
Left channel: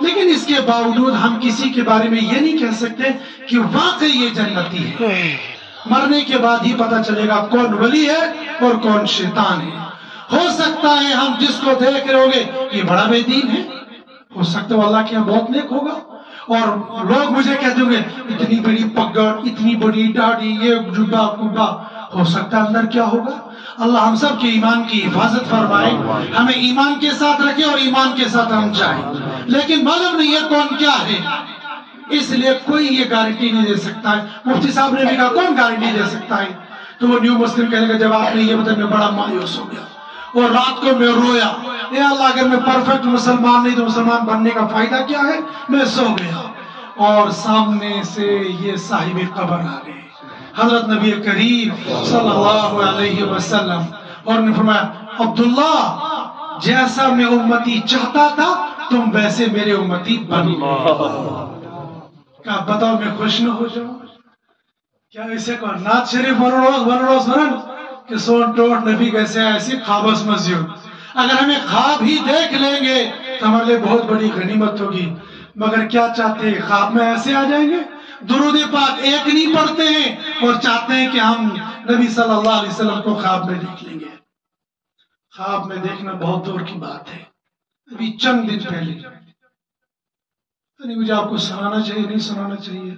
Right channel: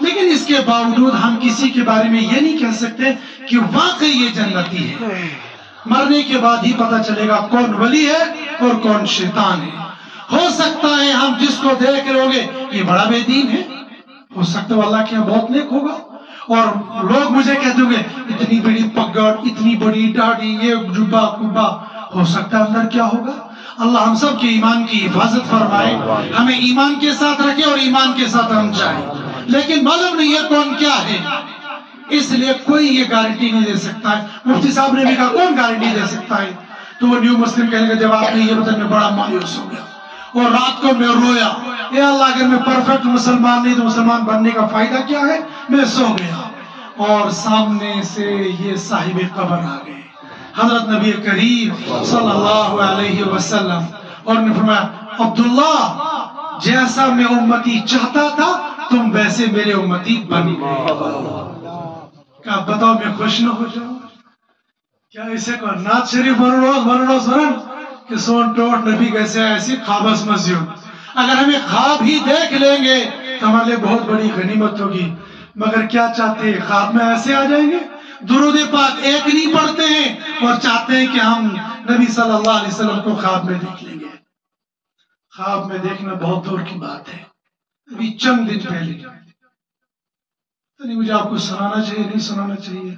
لیکن اس کے باوجود ہم کسی کے بارے میں یہ نہیں کہہ سکتے کہ واقعی یہ جنتی ہے۔ مرنے کے بعد ہی پتہ چلے گا کون ولی ہے اور کون شیطان ہے۔ ہو سکتا ہے ہم جس کو دیکھ رہے ہوگے یہ بڑا بے دین ہے، ہو سکتا ہے اللہ کے یہاں بہت نیک ہوگا، اور لوگ مجھے کہتے ہوں گے اتنی بڑی پگڑ، اتنی بڑی داڑھی، یہ جبہ کبا، ہو سکتا ہے اندر کیا ہوگا۔ اللہ ہم سب کے ایمان کی حفاظت فرمائے، ہمیں ایمان کے ساتھ رکھے اور ایمان کے ساتھ ہم جائیں، لیکن معلوم نہیں ہے کون کیا ہے، اس لیے کوئی یہ گارنٹی نہیں دے سکتا ہے۔ مفتی صاحب نے بھی کہا کون گارنٹی دے سکتا ہے؟ تو وہ نیو مسلم کہنے کا جب آپ نے یہ بتا میں بڑا مایوس ہو گیا، اور رات کو میں رویا، اے اللہ اگر میں پرفیکٹ مسلمان نہیں تو مسلمان بننے کا فائدہ کیا ہے؟ میں سو گیا، اور سامنے سے یہ صاحب قبر آ گئے، حضرت نبی کریم صلی اللہ علیہ وسلم، اور نے فرمایا عبداللہ جیسا میں امتی چاہتا تھا تم ویسے میرے امتی بن گئے۔ کہا بتاؤ میں خوش نہ ہو جاؤں؟ کیا اسے کو نعت شریف بنروز ورن کہ سون ٹوٹ نبی کیسے ایسی خوابس مزیوں، اگر ہمیں خواب ہی دیکھ لیں گے تو ہمارے لیے بہت بڑی غنیمت ہوگی، مگر کیا چاہتے ہیں خواب میں ایسے آ جائیں گے؟ درود پاک ایک نہیں پڑھتے ہیں اور چاہتے ہیں کہ ہم نبی صلی اللہ علیہ وسلم کو خواب میں دیکھ لیں گے۔ خواب میں دیکھنا بہت دور کی بات ہے۔ ابھی چند دن پہلے، مجھے آپ کو سنانا چاہیے نہیں سنانا چاہیے،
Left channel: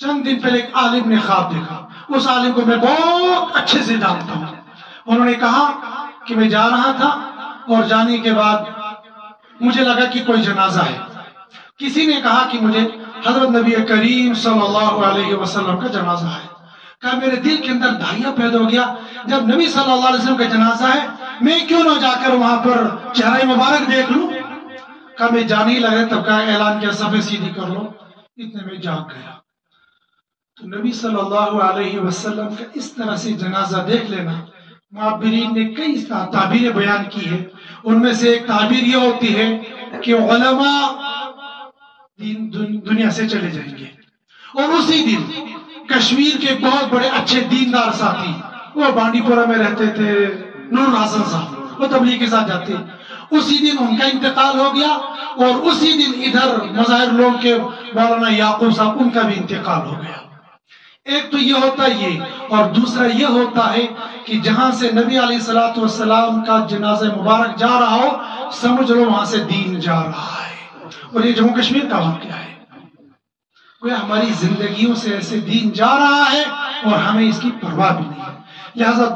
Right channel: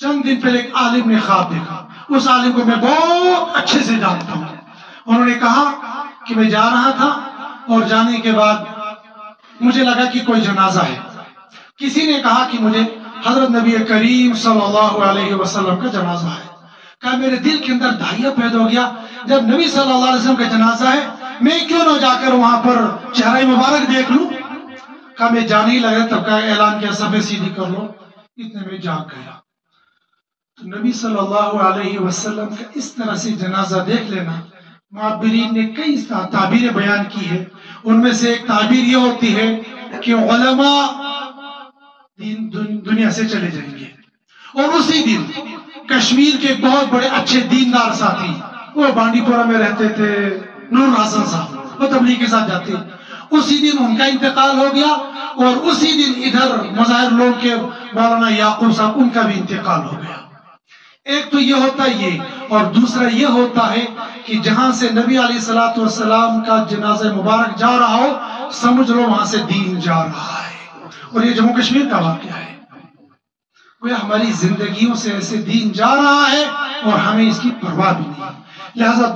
چند دن پہلے ایک عالم نے خواب دیکھا، اس عالم کو میں بہت اچھے سے جانتا ہوں۔ انہوں نے کہا کہ میں جا رہا تھا اور جانے کے بعد مجھے لگا کہ کوئی جنازہ ہے، کسی نے کہا کہ مجھے حضرت نبی کریم صلی اللہ علیہ وسلم کا جنازہ ہے۔ کہا میرے دل کے اندر دھائیہ پیدا ہو گیا، جب نبی صلی اللہ علیہ وسلم کا جنازہ ہے میں کیوں نہ جا کر وہاں پر چہرہ مبارک دیکھ لوں۔ کہا میں جانے ہی لگا، تب کہا اعلان کیا صفحے سیدھی کر لو، اتنے میں جاگ گیا۔ تو نبی صلی اللہ علیہ وسلم کا اس طرح سے جنازہ دیکھ لینا، معبرین نے کئی تعبیریں بیان کی ہے، ان میں سے ایک تعبیر یہ ہوتی ہے کہ علماء دنیا سے چلے جائیں گے، اور اسی دن کشمیر کے بہت بڑے اچھے دیندار ساتھی، وہ بانڈی پورہ میں رہتے تھے، نور حسن صاحب، وہ تبلیغ کے ساتھ جاتے، اسی دن ان کا انتقال ہو گیا، اور اسی دن ادھر مظاہر لوگ کے مولانا یعقوب صاحب ان کا بھی انتقال ہو گیا۔ ایک تو یہ ہوتا ہے یہ، اور دوسرا یہ ہوتا ہے کہ جہاں سے نبی علیہ الصلوۃ والسلام کا جنازہ مبارک جا رہا ہو، سمجھ لو وہاں سے دین جا رہا ہے، اور یہ جموں کشمیر کا واقعہ ہے۔ وہ ہماری زندگیوں سے ایسے دین جا رہا ہے اور ہمیں اس کی پرواہ بھی نہیں، لہذا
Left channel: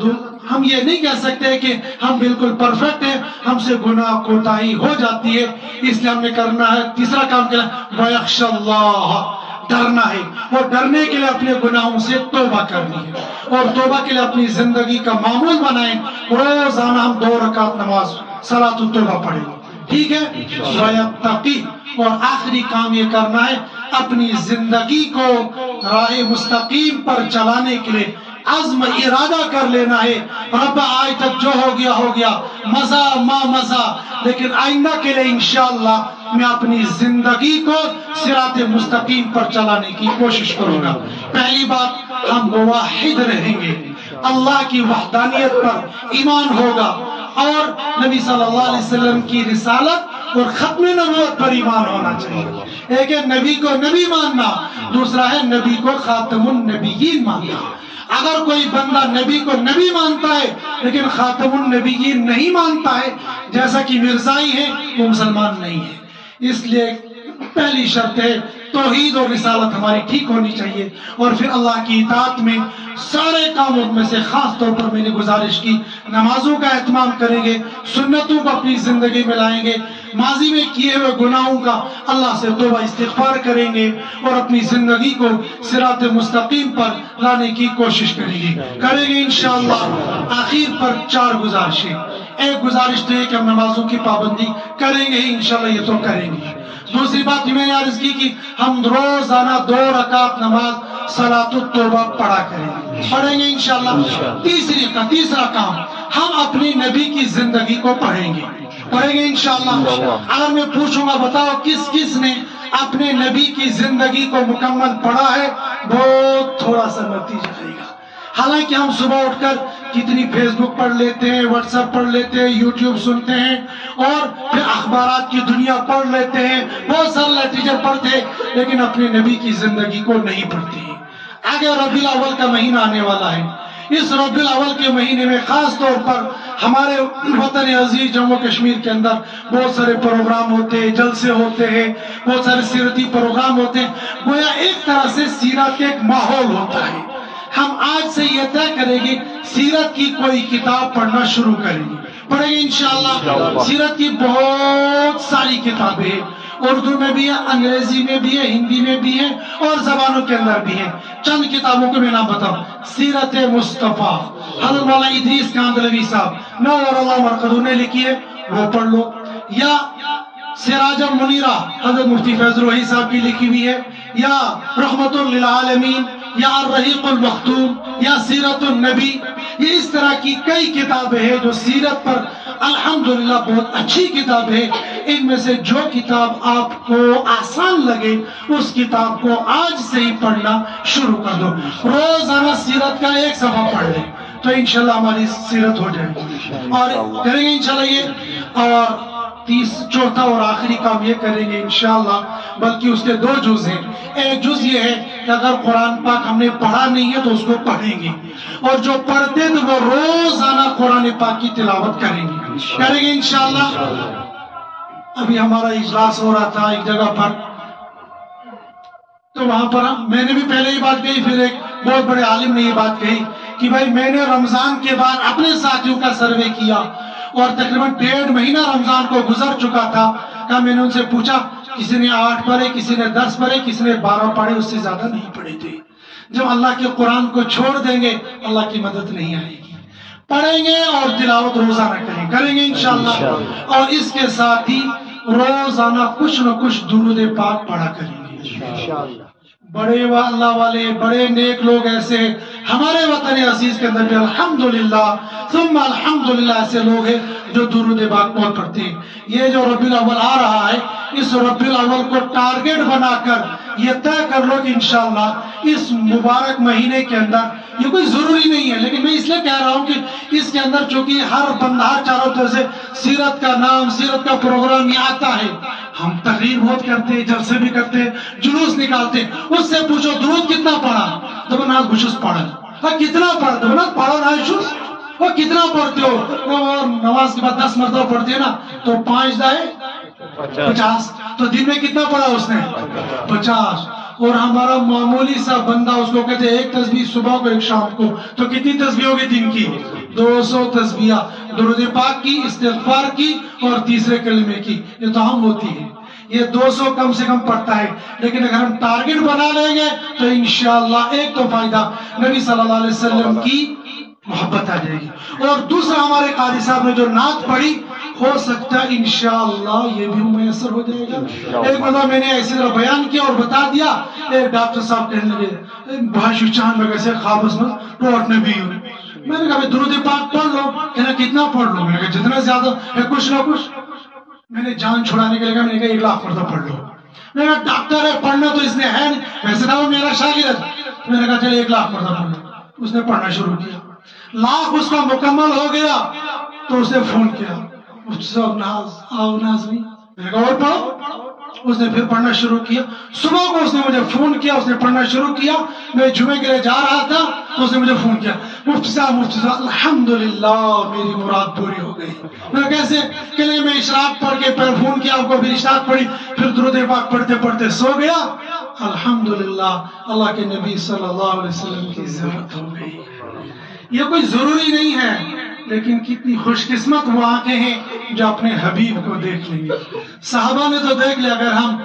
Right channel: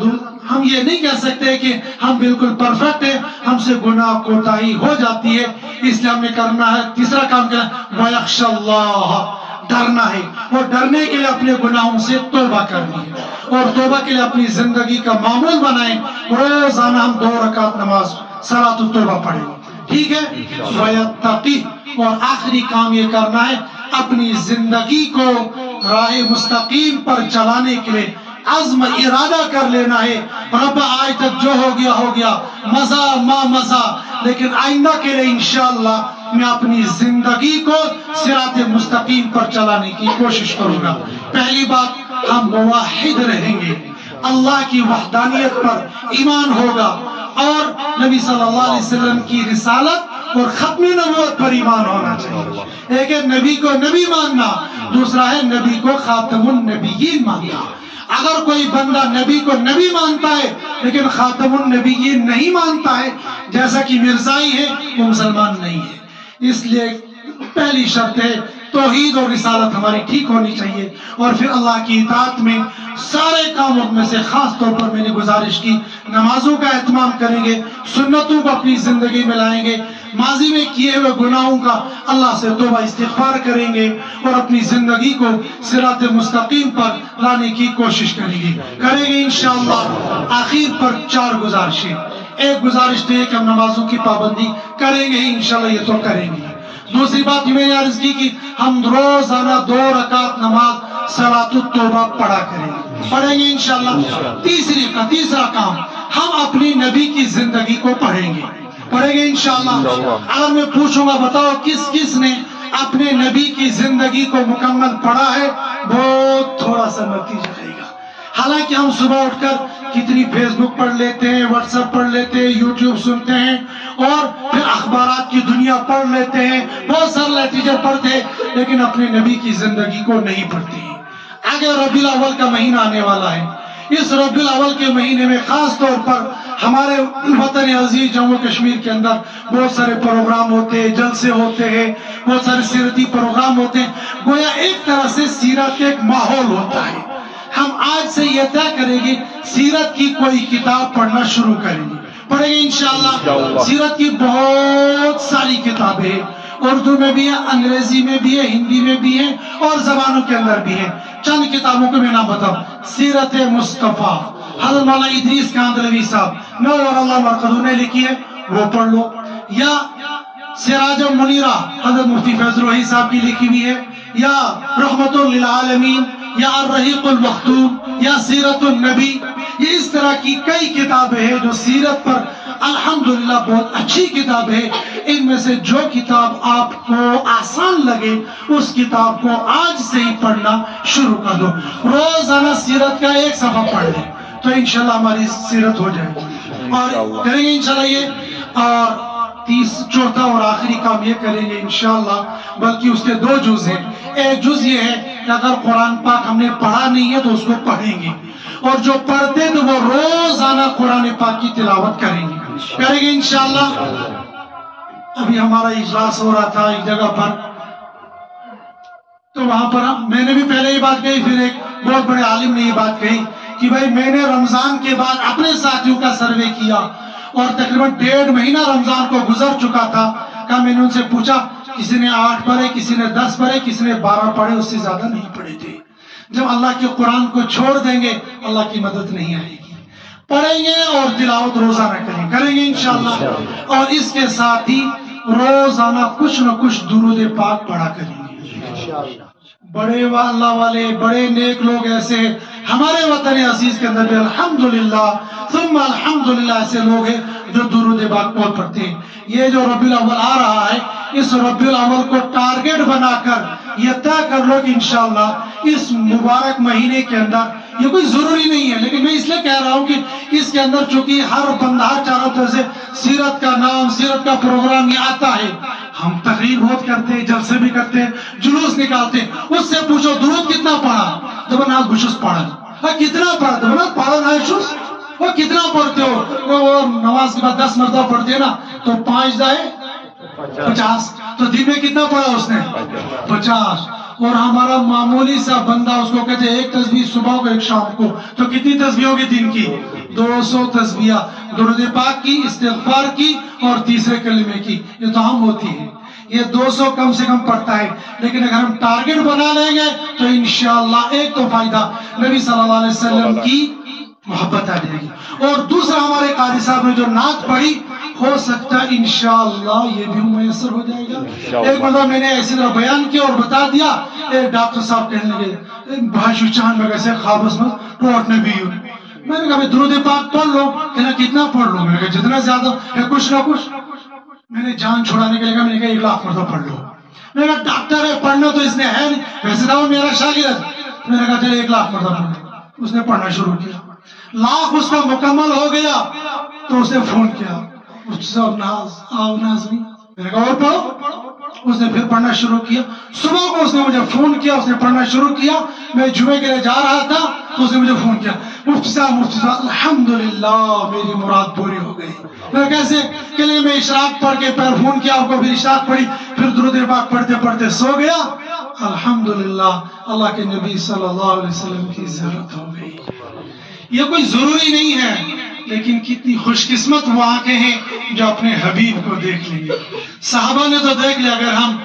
ہم یہ نہیں کہہ سکتے کہ ہم بالکل پرفیکٹ ہیں، ہم سے گناہ کوتاہی ہو جاتی ہے، اس لیے ہم نے کرنا ہے تیسرا کام کیا ہے، وَيَخْشَ اللَّهَ، ڈرنا ہے، اور ڈرنے کے لیے اپنے گناہوں سے توبہ کرنی ہے، اور توبہ کے لیے اپنی زندگی کا معمول بنائیں، روزانہ ہم 2 رکعت نماز صلاۃ التوبہ پڑھیں، ٹھیک ہے؟ وَيَتَّقِي، اور آخری کام یہ کرنا ہے اپنی زندگی کو راہ مستقیم پر چلانے کے لیے عزم ارادہ کر لینا ہے، رب آج تک جو ہو گیا مزہ ما مزہ، لیکن آئندہ کے لیے انشاءاللہ میں اپنی زندگی کو صراط مستقیم پر چلانے کی کوشش کروں گا۔ پہلی بات، ہم موحد رہیں گے، اللہ کی وحدانیت پر ایمان ہوگا، اور نبی صلی اللہ علیہ وسلم کی رسالت اور ختم نبوت پر ایمان ہونا چاہیے۔ ایک ہے نبی کو نبی ماننا، دوسرا ہے نبی کو خاتم النبیین ماننا۔ اگر کوئی بندہ نبی کو نبی مانتا ہے لیکن خاتم النبیین نہیں مانتا ہے، جیسا کہ مرزائی ہے، وہ مسلمان نہیں ہے۔ اس لیے پہلی شرط ہے توحید اور رسالت ہماری ٹھیک ہونی چاہیے، اور پھر اللہ کی اطاعت میں سارے کاموں میں سے خاص طور پر میں نے گزارش کی، نمازوں کا اہتمام کریں گے، سنتوں کو اپنی زندگی میں لائیں گے، ماضی میں کیے ہوئے گناہوں کا اللہ سے توبہ استغفار کریں گے، اور اپنی زندگی کو صراط مستقیم پر لانے کی کوشش کریں گے انشاءاللہ۔ آخر پر 4 گزارشیں۔ ایک گزارش تو ہے کہ ہم نمازوں کی پابندی کریں گے انشاءاللہ، یہ تو کریں گے۔ دوسری بات میں نے عرض کی کہ ہم روزانہ 2 رکعت نماز صلاۃ التوبہ پڑھیں گے انشاءاللہ۔ تیسرا کام، ہم اپنی نبی کی زندگی کو پڑھیں گے انشاءاللہ۔ اگر میں پوچھوں گا بتاؤ کس کس نے اپنے نبی کی زندگی کو مکمل پڑھا ہے، بہت تھوڑا سا نتیجہ آئے گا۔ حالانکہ ہم صبح اٹھ کر کتنی فیس بک پڑھ لیتے ہیں، واٹس ایپ پڑھ لیتے ہیں، یوٹیوب سنتے ہیں، اور پھر اخبارات کی دنیا پڑھ لیتے ہیں، بہت سارے لٹریچر پڑھتے ہیں، لیکن اپنے نبی کی زندگی کو نہیں پڑھتے ہیں۔ آگے ربیع الاول کا مہینہ آنے والا ہے، اس ربیع الاول کے مہینے میں خاص طور پر ہمارے وطن عزیز جموں کشمیر کے اندر بہت سارے پروگرام ہوتے ہیں، جلسے ہوتے ہیں، بہت سارے سیرتی پروگرام ہوتے ہیں، گویا ایک طرح سے سیرت کا ایک ماحول ہوتا ہے۔ ہم آج سے یہ طے کریں گے سیرت کی کوئی کتاب پڑھنا شروع کریں گے، پڑھیں گے انشاءاللہ۔ سیرت کی بہت ساری کتابیں اردو میں بھی ہے، انگریزی میں بھی ہے، ہندی میں بھی ہے، اور زبانوں کے اندر بھی ہے۔ چند کتابوں کو میں نام بتاؤں، سیرت مصطفیٰ حضرت مولانا ادریس کاندھلوی صاحب نور اللہ مرقدہ نے لکھی ہے، وہ پڑھ لو، یا سراج منیرہ حضرت مفتی فیض الوحی صاحب کی لکھی ہوئی ہے، یا رحمت للعالمین، یا الرحیق المختوم، یا سیرت النبی۔ یہ اس طرح کی کئی کتابیں ہیں جو سیرت پر الحمدللہ بہت اچھی کتاب ہے۔ ان میں سے جو کتاب آپ کو آسان لگے اس کتاب کو آج سے ہی پڑھنا شروع کر دو۔ روزانہ سیرت کا 1 صفحہ پڑھ لیں تو انشاءاللہ ہماری سیرت ہو جائے گی، اور کریں گے انشاءاللہ یہ۔ اور چوتھا اور آخری کام یہ کریں گے انشاءاللہ، بلکہ اس کے 2 جز ہیں۔ ایک جز یہ ہے کہ اگر قرآن پاک ہم نے پڑھا نہیں ہے تو اس کو پڑھیں گے، اور جو پڑھتے تو وہ روزانہ قرآن پاک کی تلاوت کریں گے انشاءاللہ۔ ابھی ہمارا اجلاس ہو رہا تھا ایک جگہ پر، تو وہاں پر میں نے بھی پہلے یہ بات کہی، پھر ایک بہت بڑے عالم نے یہ بات کہی کہ بھائی میں نے رمضان کے بعد اپنے ساتھیوں کا سروے کیا، اور تقریباً 1.5 مہینہ رمضان کو گزر چکا تھا، کہ میں نے ان سے پوچھا کسی نے 8 پڑھے، کسی نے 10 پڑھے، کسی نے 12 پڑھے، اس سے زیادہ نہیں پڑھے تھے۔ جب اللہ کے قرآن کو چھوڑ دیں گے اللہ کی مدد نہیں آئے گی۔ پڑھیں گے اور تلاوت روزانہ کریں گے انشاءاللہ، اور اس کے ساتھ ہی روزانہ کچھ نہ کچھ درود پاک پڑھا کریں گے۔ بڑے اللہ والے بڑے نیک لوگ ایسے ہمارے وطن عزیز کے اندر بھی الحمدللہ ثم الحمدللہ ایسے لوگ ہیں جو درود پاک بہت پڑھتے ہیں۔ یہ جو ربیع الاول آ رہا ہے، اس ربیع الاول کو ٹارگٹ بنا کر یہ طے کر لو کہ انشاءاللہ اس مبارک مہینے کے اندر، یہ کوئی ضروری نہیں ہے لیکن میں اس لیے کہہ رہا ہوں کہ اس کے اندر چونکہ ہر بندہ چاروں طرف سے سیرت کا نام، سیرت کا پروگرام یہ آتا ہے، ہم تقریر بہت کرتے ہیں، جلسے بھی کرتے ہیں، جلوس نکالتے ہیں، اس سے پوچھو درود کتنا پڑھا، تو بنا بشوس پڑھا، کتنا پڑھتے بنا پڑھا نہ بشوس، وہ کتنا پڑھتے ہو، وہ نماز کے بعد 10 مرتبہ پڑھتے ہیں نا، تو 5 دائے 50، تو دن میں کتنا پڑھا اس نے 50۔ اور ہمارا معمولی سا بندہ اس کو کہتے ہیں 1 تسبیح صبح کو 1 شام کو، تو کتنی تسبیح ہوگی دن کی 200 تسبیح، درود پاک کی، استغفار کی، اور تیسرے کلمے کی، یہ تو ہم ہوتی ہے، یہ 200 کم سے کم پڑھتا ہے۔ لیکن اگر ہم ٹارگٹ بنا لیں گے تو انشاءاللہ ایک تو فائدہ، نبی صلی اللہ علیہ وسلم کی محبت آ جائے گی، اور دوسرا ہمارے قاری صاحب نے جو نعت پڑھی ہو سکتا ہے انشاءاللہ یہ بھی میسر ہو جائے گا۔ ایک مرتبہ میں نے ایسی طرح بیان کیا اور بتا دیا، ایک ڈاکٹر صاحب کہنے لگے بھاشو چاند میں کیسے خوابس میں ٹوٹ نے بھی ہوں۔ میں نے کہا درود پاک پڑھ لو، کہنا کتنا پڑھ لو؟ میں نے کہا جتنا زیادہ ہے کچھ نہ کچھ۔ میں نے جان چھڑانے کے لئے کہا، میں نے کہا 1 لاکھ مرتبہ پڑھ لو۔ میں نے کہا ڈاکٹر ہے پڑھنا تو اس نے ہے نہیں، ویسے نہ وہ میرا شاگرد۔ میں نے کہا چلے 1 لاکھ مرتبہ پڑھ لو۔ اس نے پڑھنا شروع کیا، لاکھ اس کا مکمل ہو گیا تو اس نے فون کیا، مفتی صاحب ناز آؤ ناظرین۔ میں نے کہا اور پڑھو۔ اس نے پھر پڑھنا شروع کیا۔ صبح کو اس نے مجھے فون کیا، اس نے پڑھنا شروع کیا۔ میں جمعے کے لیے جا رہا تھا تو اس نے مجھے فون کیا، مفتی صاحب الحمدللہ میری مراد پوری ہو گئی۔ میں کیسے؟ کہ میں اشراق پڑھ کے پھر فون کیا آپ کو، پھر اشراق پڑھی، پھر درود پاک پڑھتے پڑھتے سو گیا۔ الحمدللہ اللہ کے نبی صلی اللہ علیہ وسلم کی زیارت ہو گئی۔ یہ کوئی ضروری نہیں ہے، لیکن کتنی خوش قسمت وہ آنکھیں ہیں جو اپنے حبیب کو دیکھ لیں گے۔ صحابہ نے تو دیکھ لیا، اگر ہم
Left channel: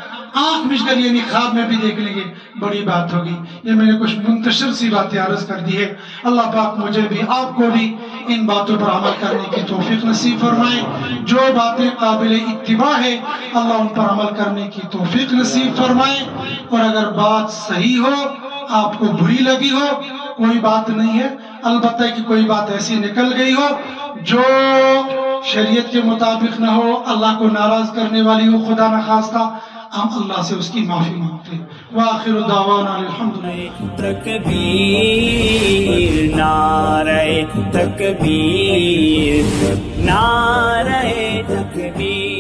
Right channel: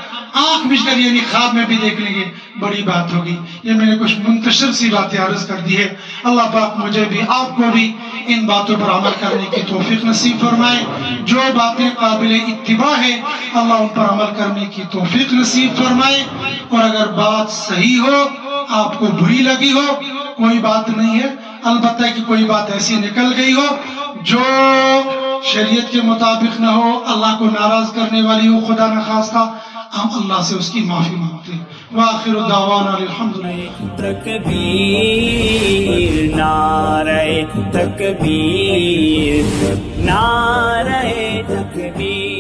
آنکھ مچ کر یعنی خواب میں بھی دیکھ لیں گے بڑی بات ہوگی۔ یہ میں نے کچھ منتشر سی باتیں عرض کر دی ہے۔ اللہ پاک مجھے بھی آپ کو بھی ان باتوں پر عمل کرنے کی توفیق نصیب فرمائے۔ جو باتیں قابل اتباع ہے اللہ ان پر عمل کرنے کی توفیق نصیب فرمائے۔ اور اگر بات صحیح ہو، آپ کو بری لگی ہو، کوئی بات نہیں ہے، البتہ کہ کوئی بات ایسی نکل گئی ہو جو شریعت کے مطابق نہ ہو، اللہ کو ناراض کرنے والی ہو، خدا نخواستہ، ہم اللہ سے اس کی معافی مانگتے ہیں۔ وآخر دعوانا الحمدللہ۔ تکبیر نعرہ تکبیر، نعرہ تکبیر۔